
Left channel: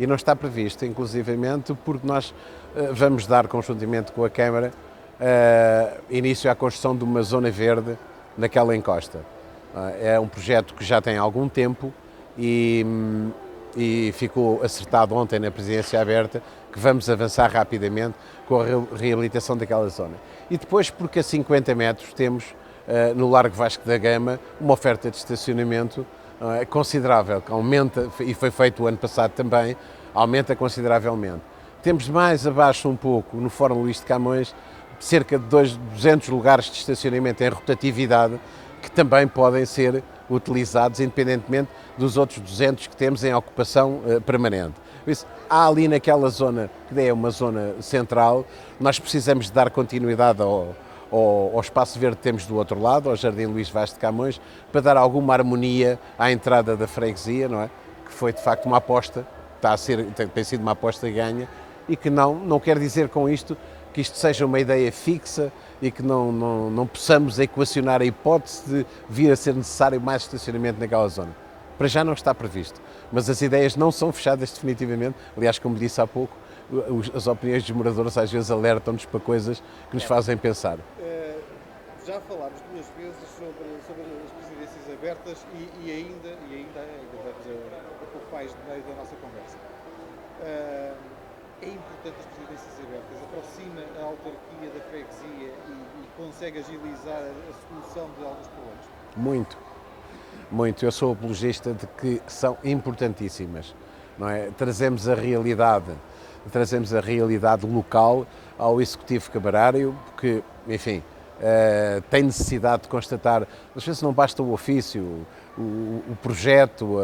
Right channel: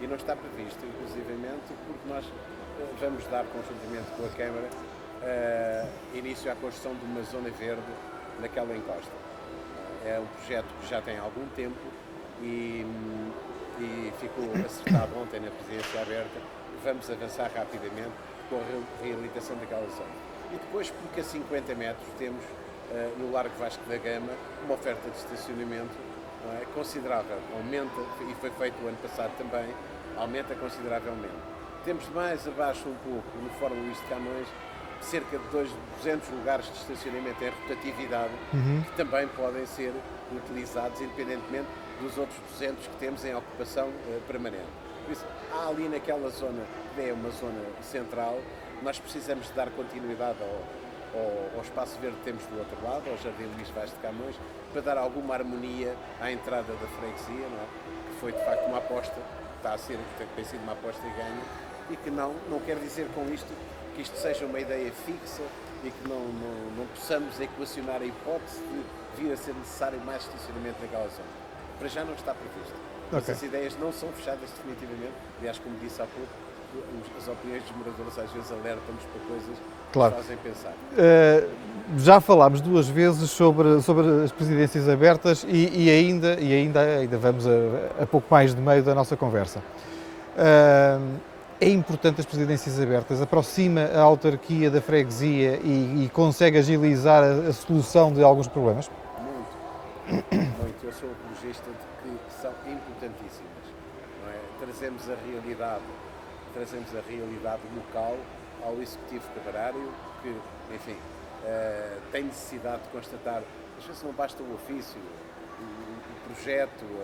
E não está previsto, inclusivamente, porque nós vamos dar, conjuntamente com a Câmara, início à construção de uma zona verde naquela encosta. É um projeto que já tem algum tempo e ficou acertado ontem na Presidência Aberta que vamos avançar rapidamente com a reabilitação daquela zona. E depois, porque a 50 metros temos no Largo Vasco da Gama uma oferta de estacionamento considerável, que aumenta, e foi feito o ano passado também, aumenta consideravelmente. Temos mais abaixo um pouco, no Fórum Luís de Camões, cerca de 200 lugares de estacionamento em rotatividade, que também podem ser utilizados independentemente dos outros 200 que temos em ocupação permanente. Por isso, há ali naquela zona, que é uma zona central, nós precisamos de dar continuidade ao espaço verde que temos do outro lado, ao Jardim Luís Vaz de Camões, para dar alguma harmonia à entrada da freguesia, não é? Que foi de facto uma aposta, tem sido uma aposta ganha, e que não quer dizer com isto que isto seja uma ideia fixa e que não possamos equacionar a hipótese de vir a ser necessário mais estacionamento naquela zona. Para já não está previsto, mas as ideias não são fechadas definitivamente. Aliás, como disse há pouco, as opiniões dos moradores às vezes alertam-nos para coisas que nos fazem pensar. Já falámos duas vezes sobre as presidências abertas e ainda vamos a pouco mais de meio da nossa conversa. É importante as presidências abertas, aproxima a autarquia da freguesia e consegue agilizar a solução de alguns problemas? Muito, muito. Eu sou apologista de que são importantíssimas. Não é? Trazemos a realidade local ao Executivo Camarário, que, enfim, tem necessidade de constatar, às vezes não basta o ofício, o projeto,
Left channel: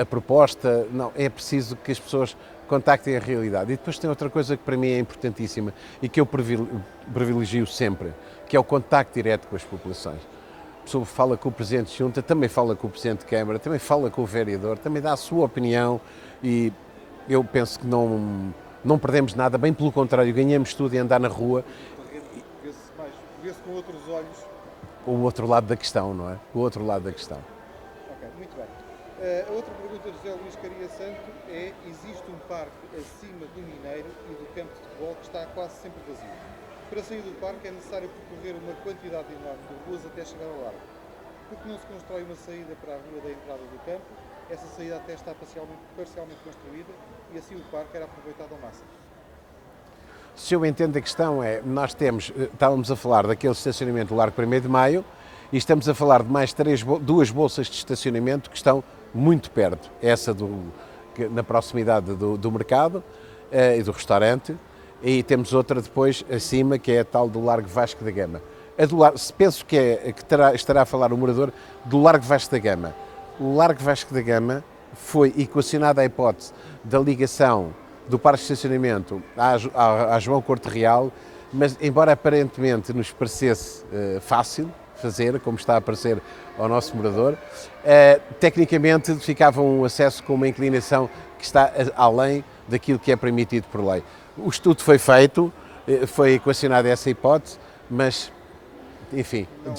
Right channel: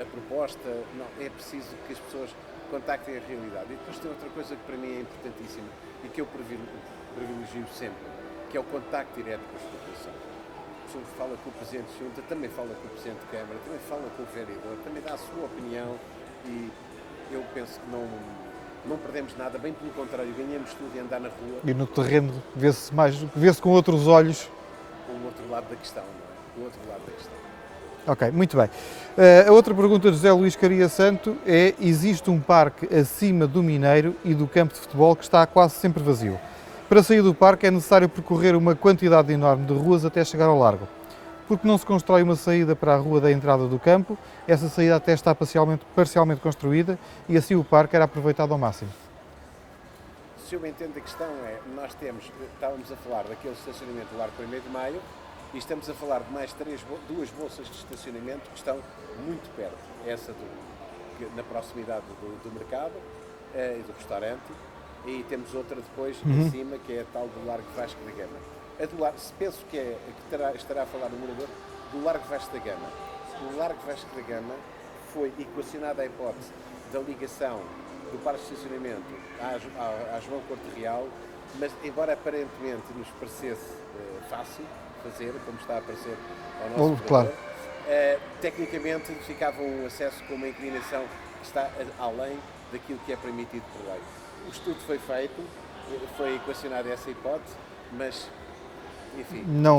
a proposta, não, é preciso que as pessoas contactem a realidade. E depois tem outra coisa que para mim é importantíssima e que eu privilegio sempre, que é o contacto direto com as populações. A pessoa fala com o Presidente de Junta, também fala com o Presidente de Câmara, também fala com o Vereador, também dá a sua opinião e eu penso que não perdemos nada, bem pelo contrário, ganhamos tudo em andar na rua. E no terreno vê-se com outros olhos. O outro lado da questão, não é? O outro lado da questão. Ok, muito bem. A outra pergunta de José Luís Caria Santo é: existe um parque acima do Mineiro e do campo de futebol que está quase sempre vazio. Para sair do parque é necessário percorrer uma quantidade enorme de ruas até chegar ao largo. Porque não se constrói uma saída para a rua da entrada do campo, essa saída até está parcialmente construída e assim o parque era aproveitado ao máximo. Se eu entendo a questão estávamos a falar daquele estacionamento do Largo 1º de Maio e estamos a falar de mais duas bolsas de estacionamento que estão muito perto. Essa na proximidade do mercado e do restaurante, e temos outra depois acima, que é a tal do Largo Vasco da Gama. Penso que estará a falar o morador do Largo Vasco da Gama. O Largo Vasco da Gama foi equacionada a hipótese da ligação do parque de estacionamento à João Corte Real, mas embora aparentemente nos parecesse fácil fazer, como está a parecer ao nosso morador, tecnicamente ficava um acesso com uma inclinação que está além daquilo que é permitido por lei. O estudo foi feito, foi equacionada essa hipótese, mas, enfim... Não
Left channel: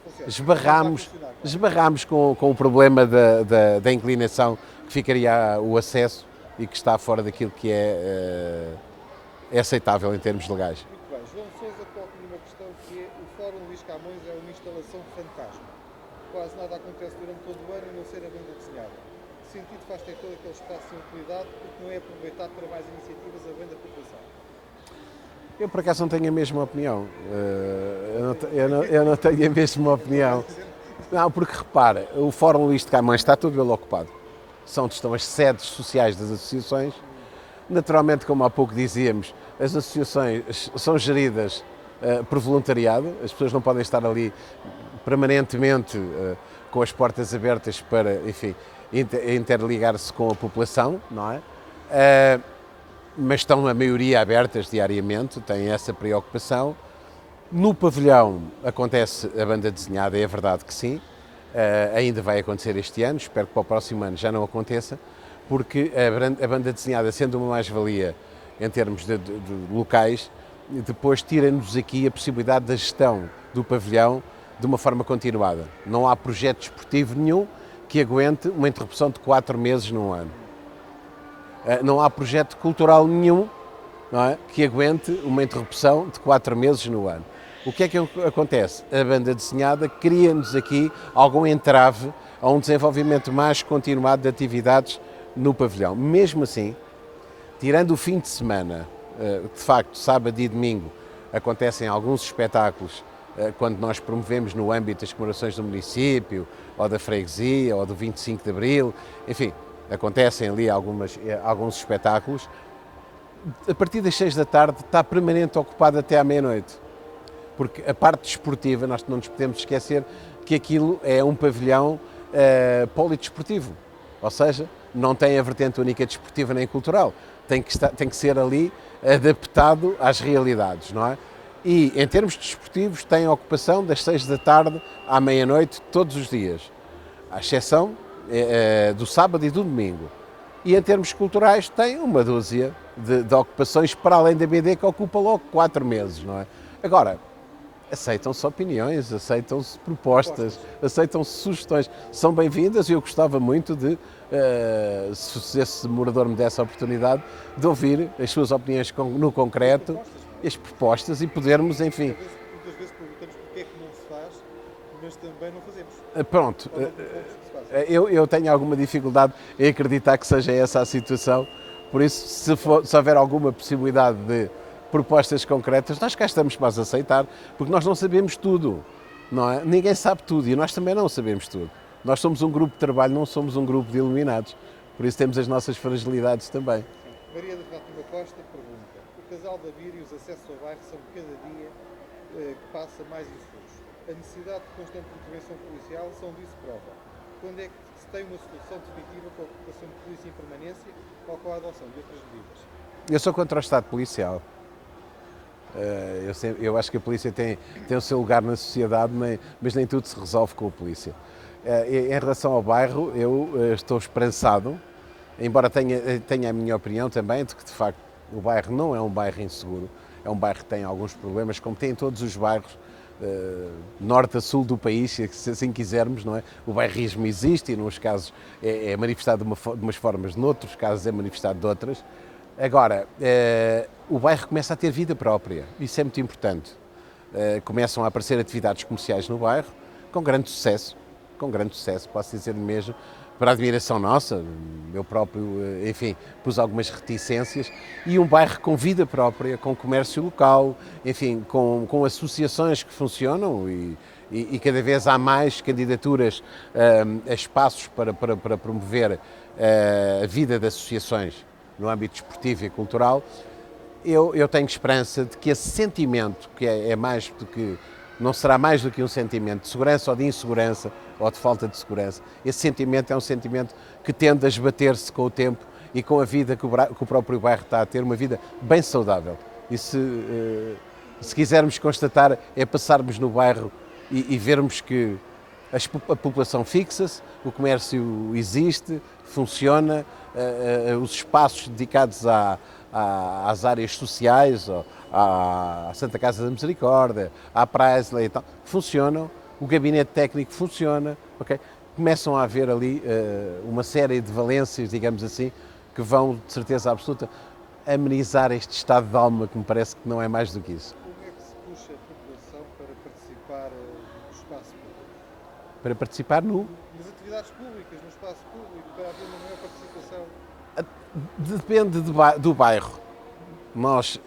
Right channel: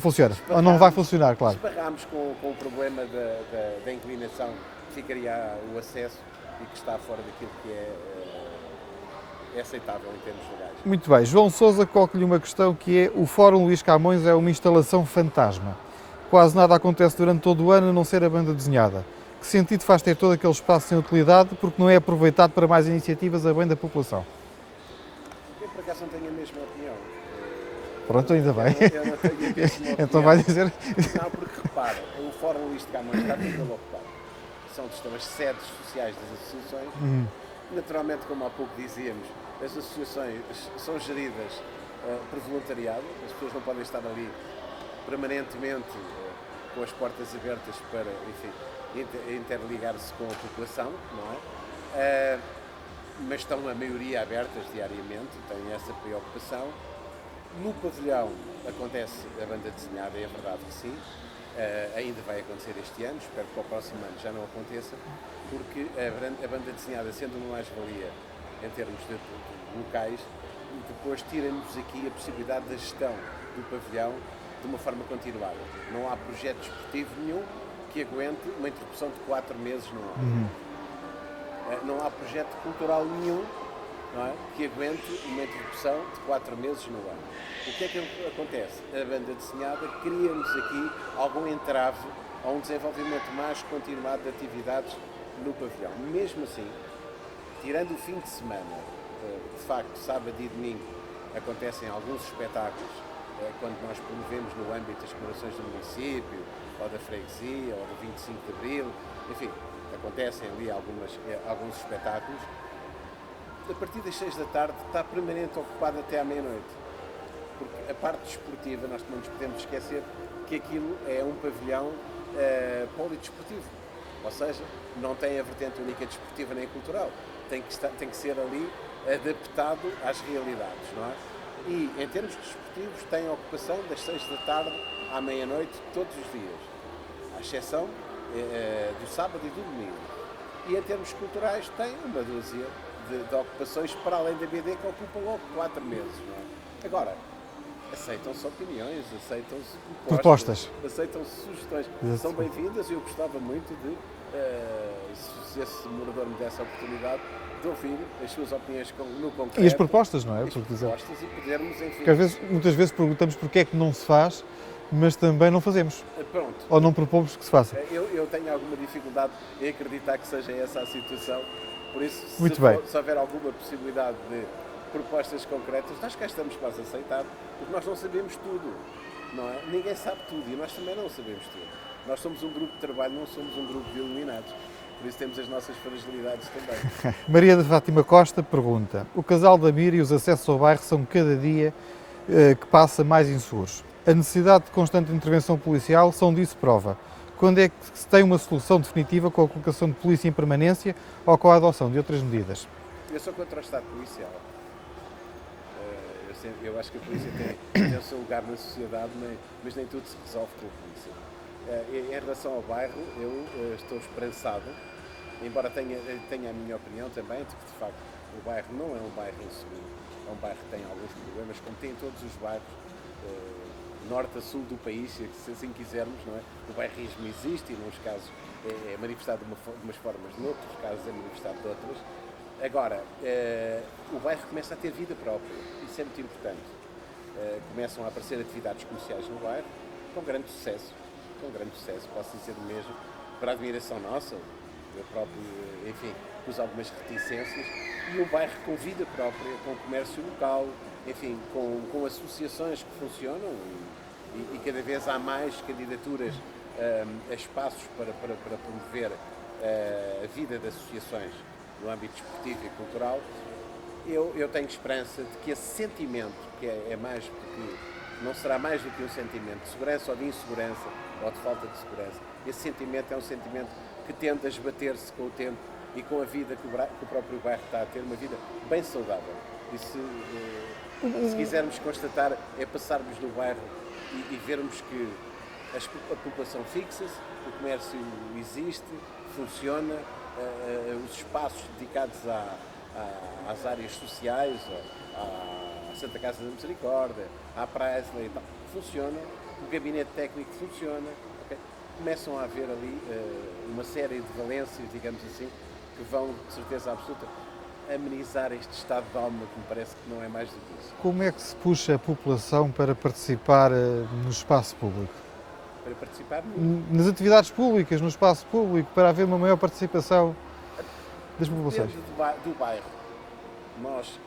funciona, não vai funcionar, claro. Esbarramos com o problema da inclinação que ficaria o acesso e que está fora daquilo que é aceitável em termos legais. Muito bem. João Sousa coloca-lhe uma questão que é: o Fórum Luís Camões é uma instalação fantasma. Quase nada acontece durante todo o ano a não ser a banda desenhada. Que sentido faz ter todo aquele espaço sem utilidade porque não é aproveitado para mais iniciativas a bem da população? Eu, por acaso, não tenho a mesma opinião. Pronto, ainda bem. Eu não tenho a mesma opinião. Então vai dizer... Não, porque repara, o Fórum Luís de Camões está todo ele ocupado. São onde estão as sedes sociais das associações. Naturalmente, como há pouco dizíamos, as associações são geridas por voluntariado. As pessoas não podem estar ali permanentemente com as portas abertas para, enfim, interligar-se com a população, não é? Mas estão a maioria abertas diariamente, têm essa preocupação. No pavilhão acontece a banda desenhada, é verdade que sim, ainda vai acontecer este ano, espero que para o próximo ano já não aconteça, porque a banda desenhada, sendo uma mais-valia em termos de locais, depois tira-nos aqui a possibilidade da gestão do pavilhão de uma forma continuada. Não há projeto desportivo nenhum que aguente uma interrupção de 4 meses num ano. Não há projeto cultural nenhum, não é, que aguente uma interrupção de 4 meses no ano. O que é que acontece? A banda desenhada cria-nos aqui algum entrave a um desenvolvimento mais continuado de atividades no pavilhão. Mesmo assim, tirando o fim de semana, de facto, sábado e domingo, acontecem alguns espetáculos quando nós promovemos no âmbito das comemorações do município, ou da freguesia, ou do 25 de Abril, enfim, acontecem ali alguns espetáculos. A partir das 6 da tarde está permanente ocupado até à meia-noite, porque a parte desportiva, nós não nos podemos esquecer que aquilo é um pavilhão polidesportivo, ou seja, não tem a vertente única desportiva nem cultural, tem que ser ali adaptado às realidades, não é? E em termos desportivos tem a ocupação das 6 da tarde à meia-noite todos os dias, à exceção do sábado e do domingo. E em termos culturais tem uma dúzia de ocupações para além da BD que ocupa logo 4 meses, não é? Agora, aceitam-se opiniões, aceitam-se propostas, aceitam-se sugestões. São bem-vindas e eu gostava muito de, se esse morador me desse a oportunidade, de ouvir as suas opiniões no concreto. E as propostas, não é? As propostas e podermos, enfim... Porque muitas vezes perguntamos porque é que não se faz, mas também não fazemos. Pronto. Ou não propomos que se faça. Eu tenho alguma dificuldade em acreditar que seja essa a situação, por isso, se houver alguma possibilidade de propostas concretas, nós cá estamos para as aceitar, porque nós não sabemos tudo, não é? Ninguém sabe tudo e nós também não sabemos tudo. Nós somos um grupo de trabalho, não somos um grupo de iluminados, por isso temos as nossas fragilidades também. Maria de Fátima Costa pergunta: o casal da Mira e os acessos ao bairro são cada dia que passa mais inseguros. A necessidade de constante intervenção policial são disso prova. Quando é que se tem uma solução definitiva com a colocação de polícia em permanência ou com a adoção de outras medidas? Eu sou contra o Estado policial. Eu acho que a polícia tem o seu lugar na sociedade, mas nem tudo se resolve com a polícia. Em relação ao bairro, eu estou esperançado, embora tenha a minha opinião também, de que de facto o bairro não é um bairro inseguro, é um bairro que tem alguns problemas, como tem todos os bairros, norte a sul do país, se assim quisermos, não é? O bairrismo existe e, nos casos, é manifestado de umas formas, noutros casos é manifestado de outras. Agora, o bairro começa a ter vida própria, isso é muito importante. Começam a aparecer atividades comerciais no bairro, com grande sucesso, posso dizer mesmo, para admiração nossa, eu próprio, enfim, pus algumas reticências, e um bairro com vida própria, com comércio local, enfim, com associações que funcionam e cada vez há mais candidaturas a espaços para promover a vida de associações no âmbito desportivo e cultural. Eu tenho esperança de que esse sentimento, que é mais do que, não será mais do que um sentimento de segurança ou de insegurança ou de falta de segurança, esse sentimento é um sentimento que tende a esbater-se com o tempo e com a vida que o próprio bairro está a ter, uma vida bem saudável. E se quisermos constatar, é passarmos no bairro e vermos que a população fixa-se, o comércio existe, funciona, os espaços dedicados às áreas sociais, à Santa Casa da Misericórdia, à Praia e tal, funcionam, o gabinete técnico funciona, okay? Começam a haver ali uma série de valências, digamos assim, que vão, de certeza absoluta, amenizar este estado de alma que me parece que não é mais do que isso. Como é que se puxa a população para participar no espaço público? Para participar nas atividades públicas, no espaço público, para haver uma maior participação das populações? Depende do bairro. Nós,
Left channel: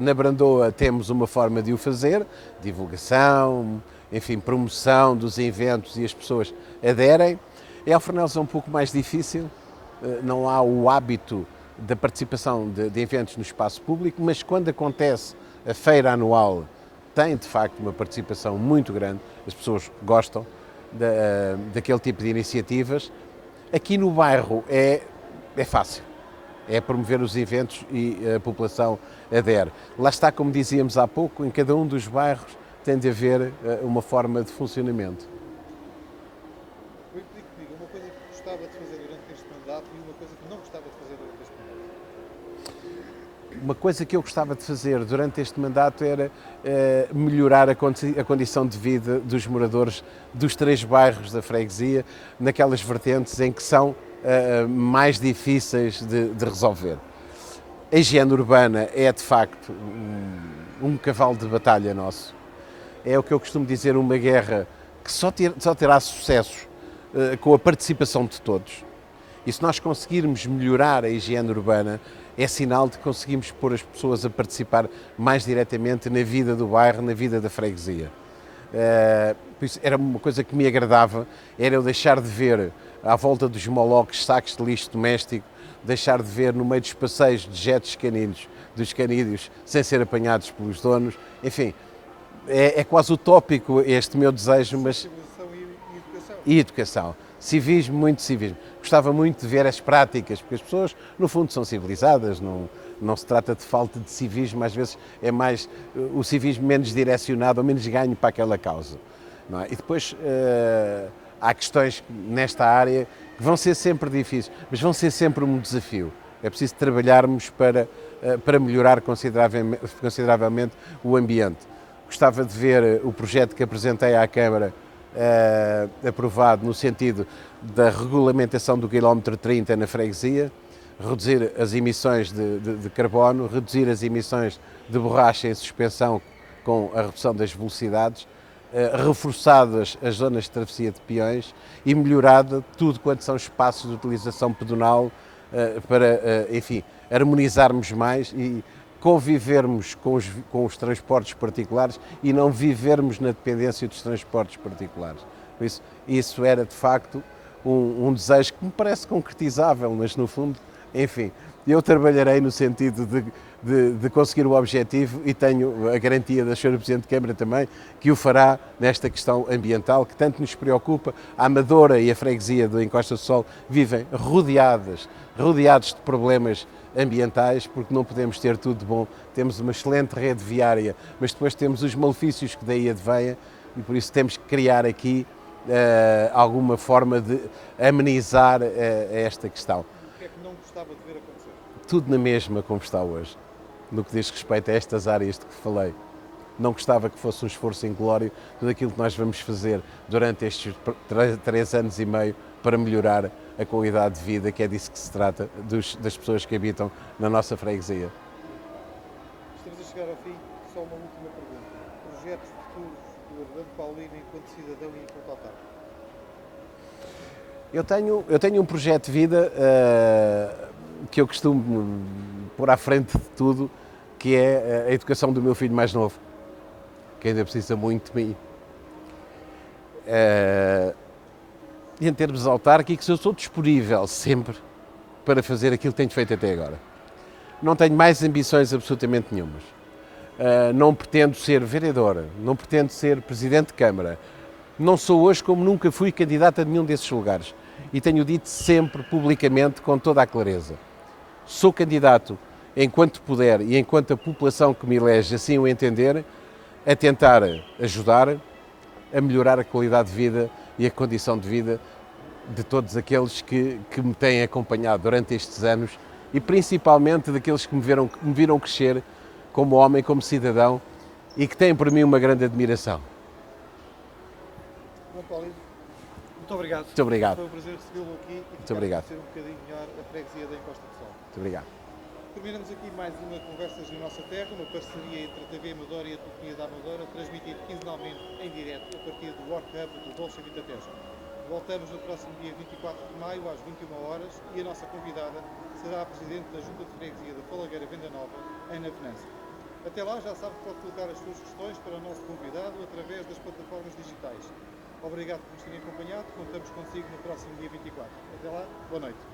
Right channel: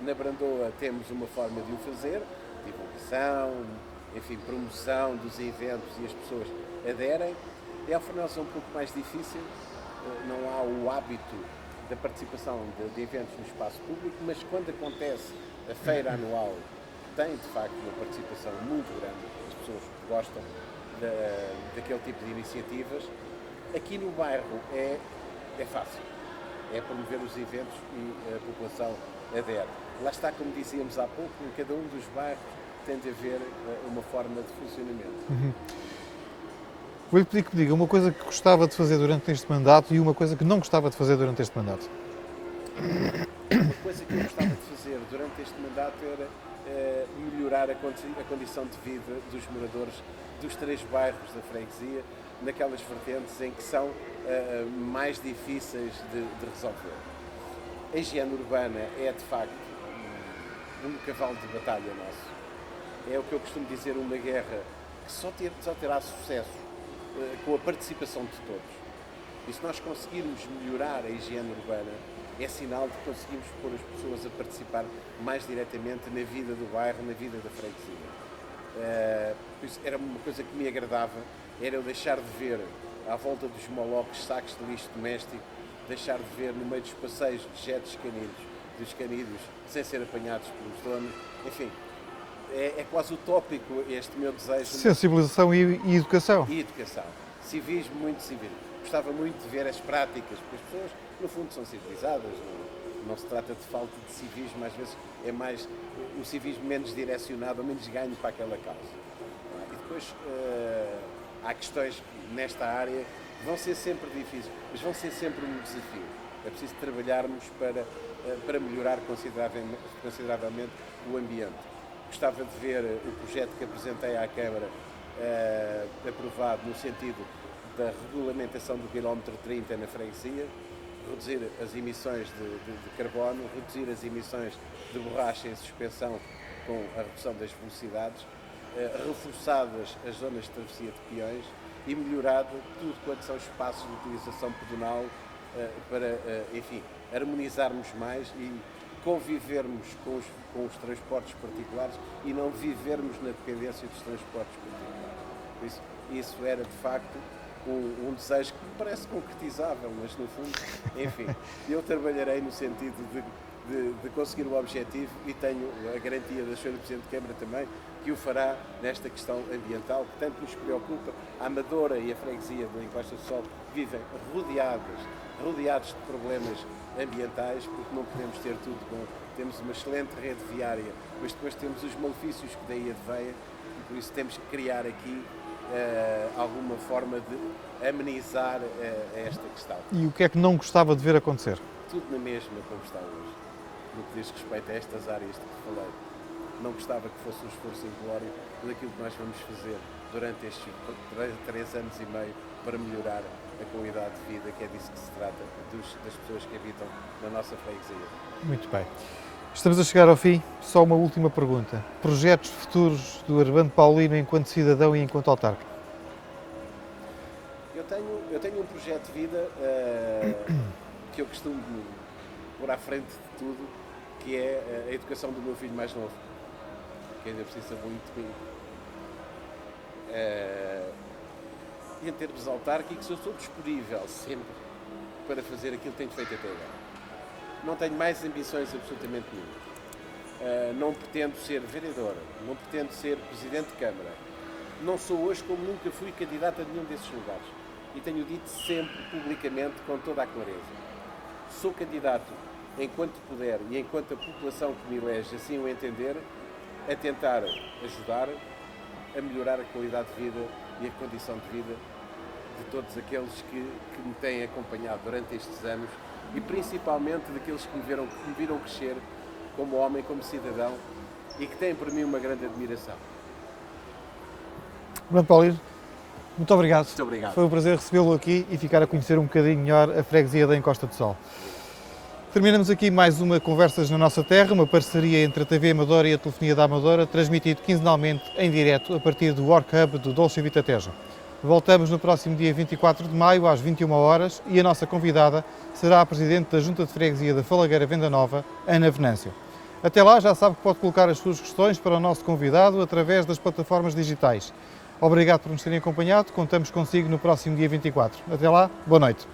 na Brandoa, temos uma forma de o fazer, divulgação, enfim, promoção dos eventos e as pessoas aderem. Em Alfornelos é um pouco mais difícil, não há o hábito da participação de eventos no espaço público, mas quando acontece a feira anual, tem de facto uma participação muito grande, as pessoas gostam, daquele tipo de iniciativas. Aqui no bairro é fácil, é promover os eventos e a população adere. Lá está, como dizíamos há pouco, em cada um dos bairros tem de haver uma forma de funcionamento. Vou-lhe pedir que me diga uma coisa que gostava de fazer durante este mandato e uma coisa que não gostava de fazer durante este mandato. Uma coisa que eu gostava de fazer durante este mandato era melhorar a condição de vida dos moradores dos 3 bairros da freguesia, naquelas vertentes em que são mais difíceis de resolver. A higiene urbana é, de facto, um cavalo de batalha nosso. É o que eu costumo dizer, uma guerra que só terá sucesso com a participação de todos. E se nós conseguirmos melhorar a higiene urbana, é sinal de que conseguimos pôr as pessoas a participar mais diretamente na vida do bairro, na vida da freguesia. Por isso, era uma coisa que me agradava, era eu deixar de ver à volta dos moloques sacos de lixo doméstico, deixar de ver no meio dos passeios dejetos caninos dos canídeos sem ser apanhados pelos donos. Enfim, é quase utópico este meu desejo. Sensibilização e educação. E educação. Civismo, muito civismo. Gostava muito de ver as práticas, porque as pessoas, no fundo, são civilizadas, não se trata de falta de civismo, às vezes é mais o civismo menos direcionado ou menos ganho para aquela causa. Não é? E depois há questões nesta área que vão ser sempre difíceis, mas vão ser sempre um desafio. É preciso trabalharmos para melhorar consideravelmente o ambiente. Gostava de ver o projeto que apresentei à Câmara aprovado no sentido da regulamentação do quilómetro 30 na freguesia, reduzir as emissões de carbono, reduzir as emissões de borracha em suspensão com a redução das velocidades, reforçadas as zonas de travessia de peões e melhorada tudo quanto são espaços de utilização pedonal para, enfim, harmonizarmos mais e convivermos com os transportes particulares e não vivermos na dependência dos transportes particulares. Por isso era, de facto, um desejo que me parece concretizável, mas, no fundo, enfim, eu trabalharei no sentido de conseguir o objetivo e tenho a garantia da Sra. Presidente de Câmara também que o fará nesta questão ambiental que tanto nos preocupa. A Amadora e a freguesia do Encosta do Sol vivem rodeados de problemas ambientais, porque não podemos ter tudo de bom. Temos uma excelente rede viária, mas depois temos os malefícios que daí advêm e por isso temos que criar aqui alguma forma de amenizar esta questão. E o que é que não gostava de ver acontecer? Tudo na mesma como está hoje, no que diz respeito a estas áreas de que falei. Não gostava que fosse um esforço inglório tudo aquilo que nós vamos fazer durante estes 3 anos e meio para melhorar a qualidade de vida, que é disso que se trata, das pessoas que habitam na nossa freguesia. Muito bem. Estamos a chegar ao fim. Só uma última pergunta. Projetos futuros do Armando Paulino enquanto cidadão e enquanto autarca? Eu tenho um projeto de vida que eu costumo pôr à frente de tudo, que é a educação do meu filho mais novo, que ainda precisa muito de mim. E em termos autárquicos, eu sou disponível sempre para fazer aquilo que tenho feito até agora. Não tenho mais ambições absolutamente nenhumas. Não pretendo ser vereador, não pretendo ser presidente de Câmara. Não sou hoje, como nunca fui, candidato a nenhum desses lugares. E tenho dito sempre, publicamente, com toda a clareza. Sou candidato, enquanto puder e enquanto a população que me elege assim o entender, a tentar ajudar a melhorar a qualidade de vida e a condição de vida de todos aqueles que me têm acompanhado durante estes anos e principalmente daqueles que me viram crescer como homem, como cidadão e que têm por mim uma grande admiração. Armando Paulino, muito obrigado. Muito obrigado. Foi um prazer recebê-lo aqui e ficar a conhecer um bocadinho melhor a freguesia da Encosta do Sol. Muito obrigado. Terminamos aqui mais uma Conversas na Nossa Terra, uma parceria entre a TV Amadora e a Telefonia da Amadora, transmitido quinzenalmente em direto a partir do Work Hub do Dolce Vita Tejo. Voltamos no próximo dia 24 de maio, às 21 horas, e a nossa convidada será a Presidente da Junta de Freguesia da Falagueira Venda Nova, Ana Venâncio. Até lá, já sabe que pode colocar as suas questões para o nosso convidado através das plataformas digitais. Obrigado por nos terem acompanhado, contamos consigo no próximo dia 24. Até lá, boa noite.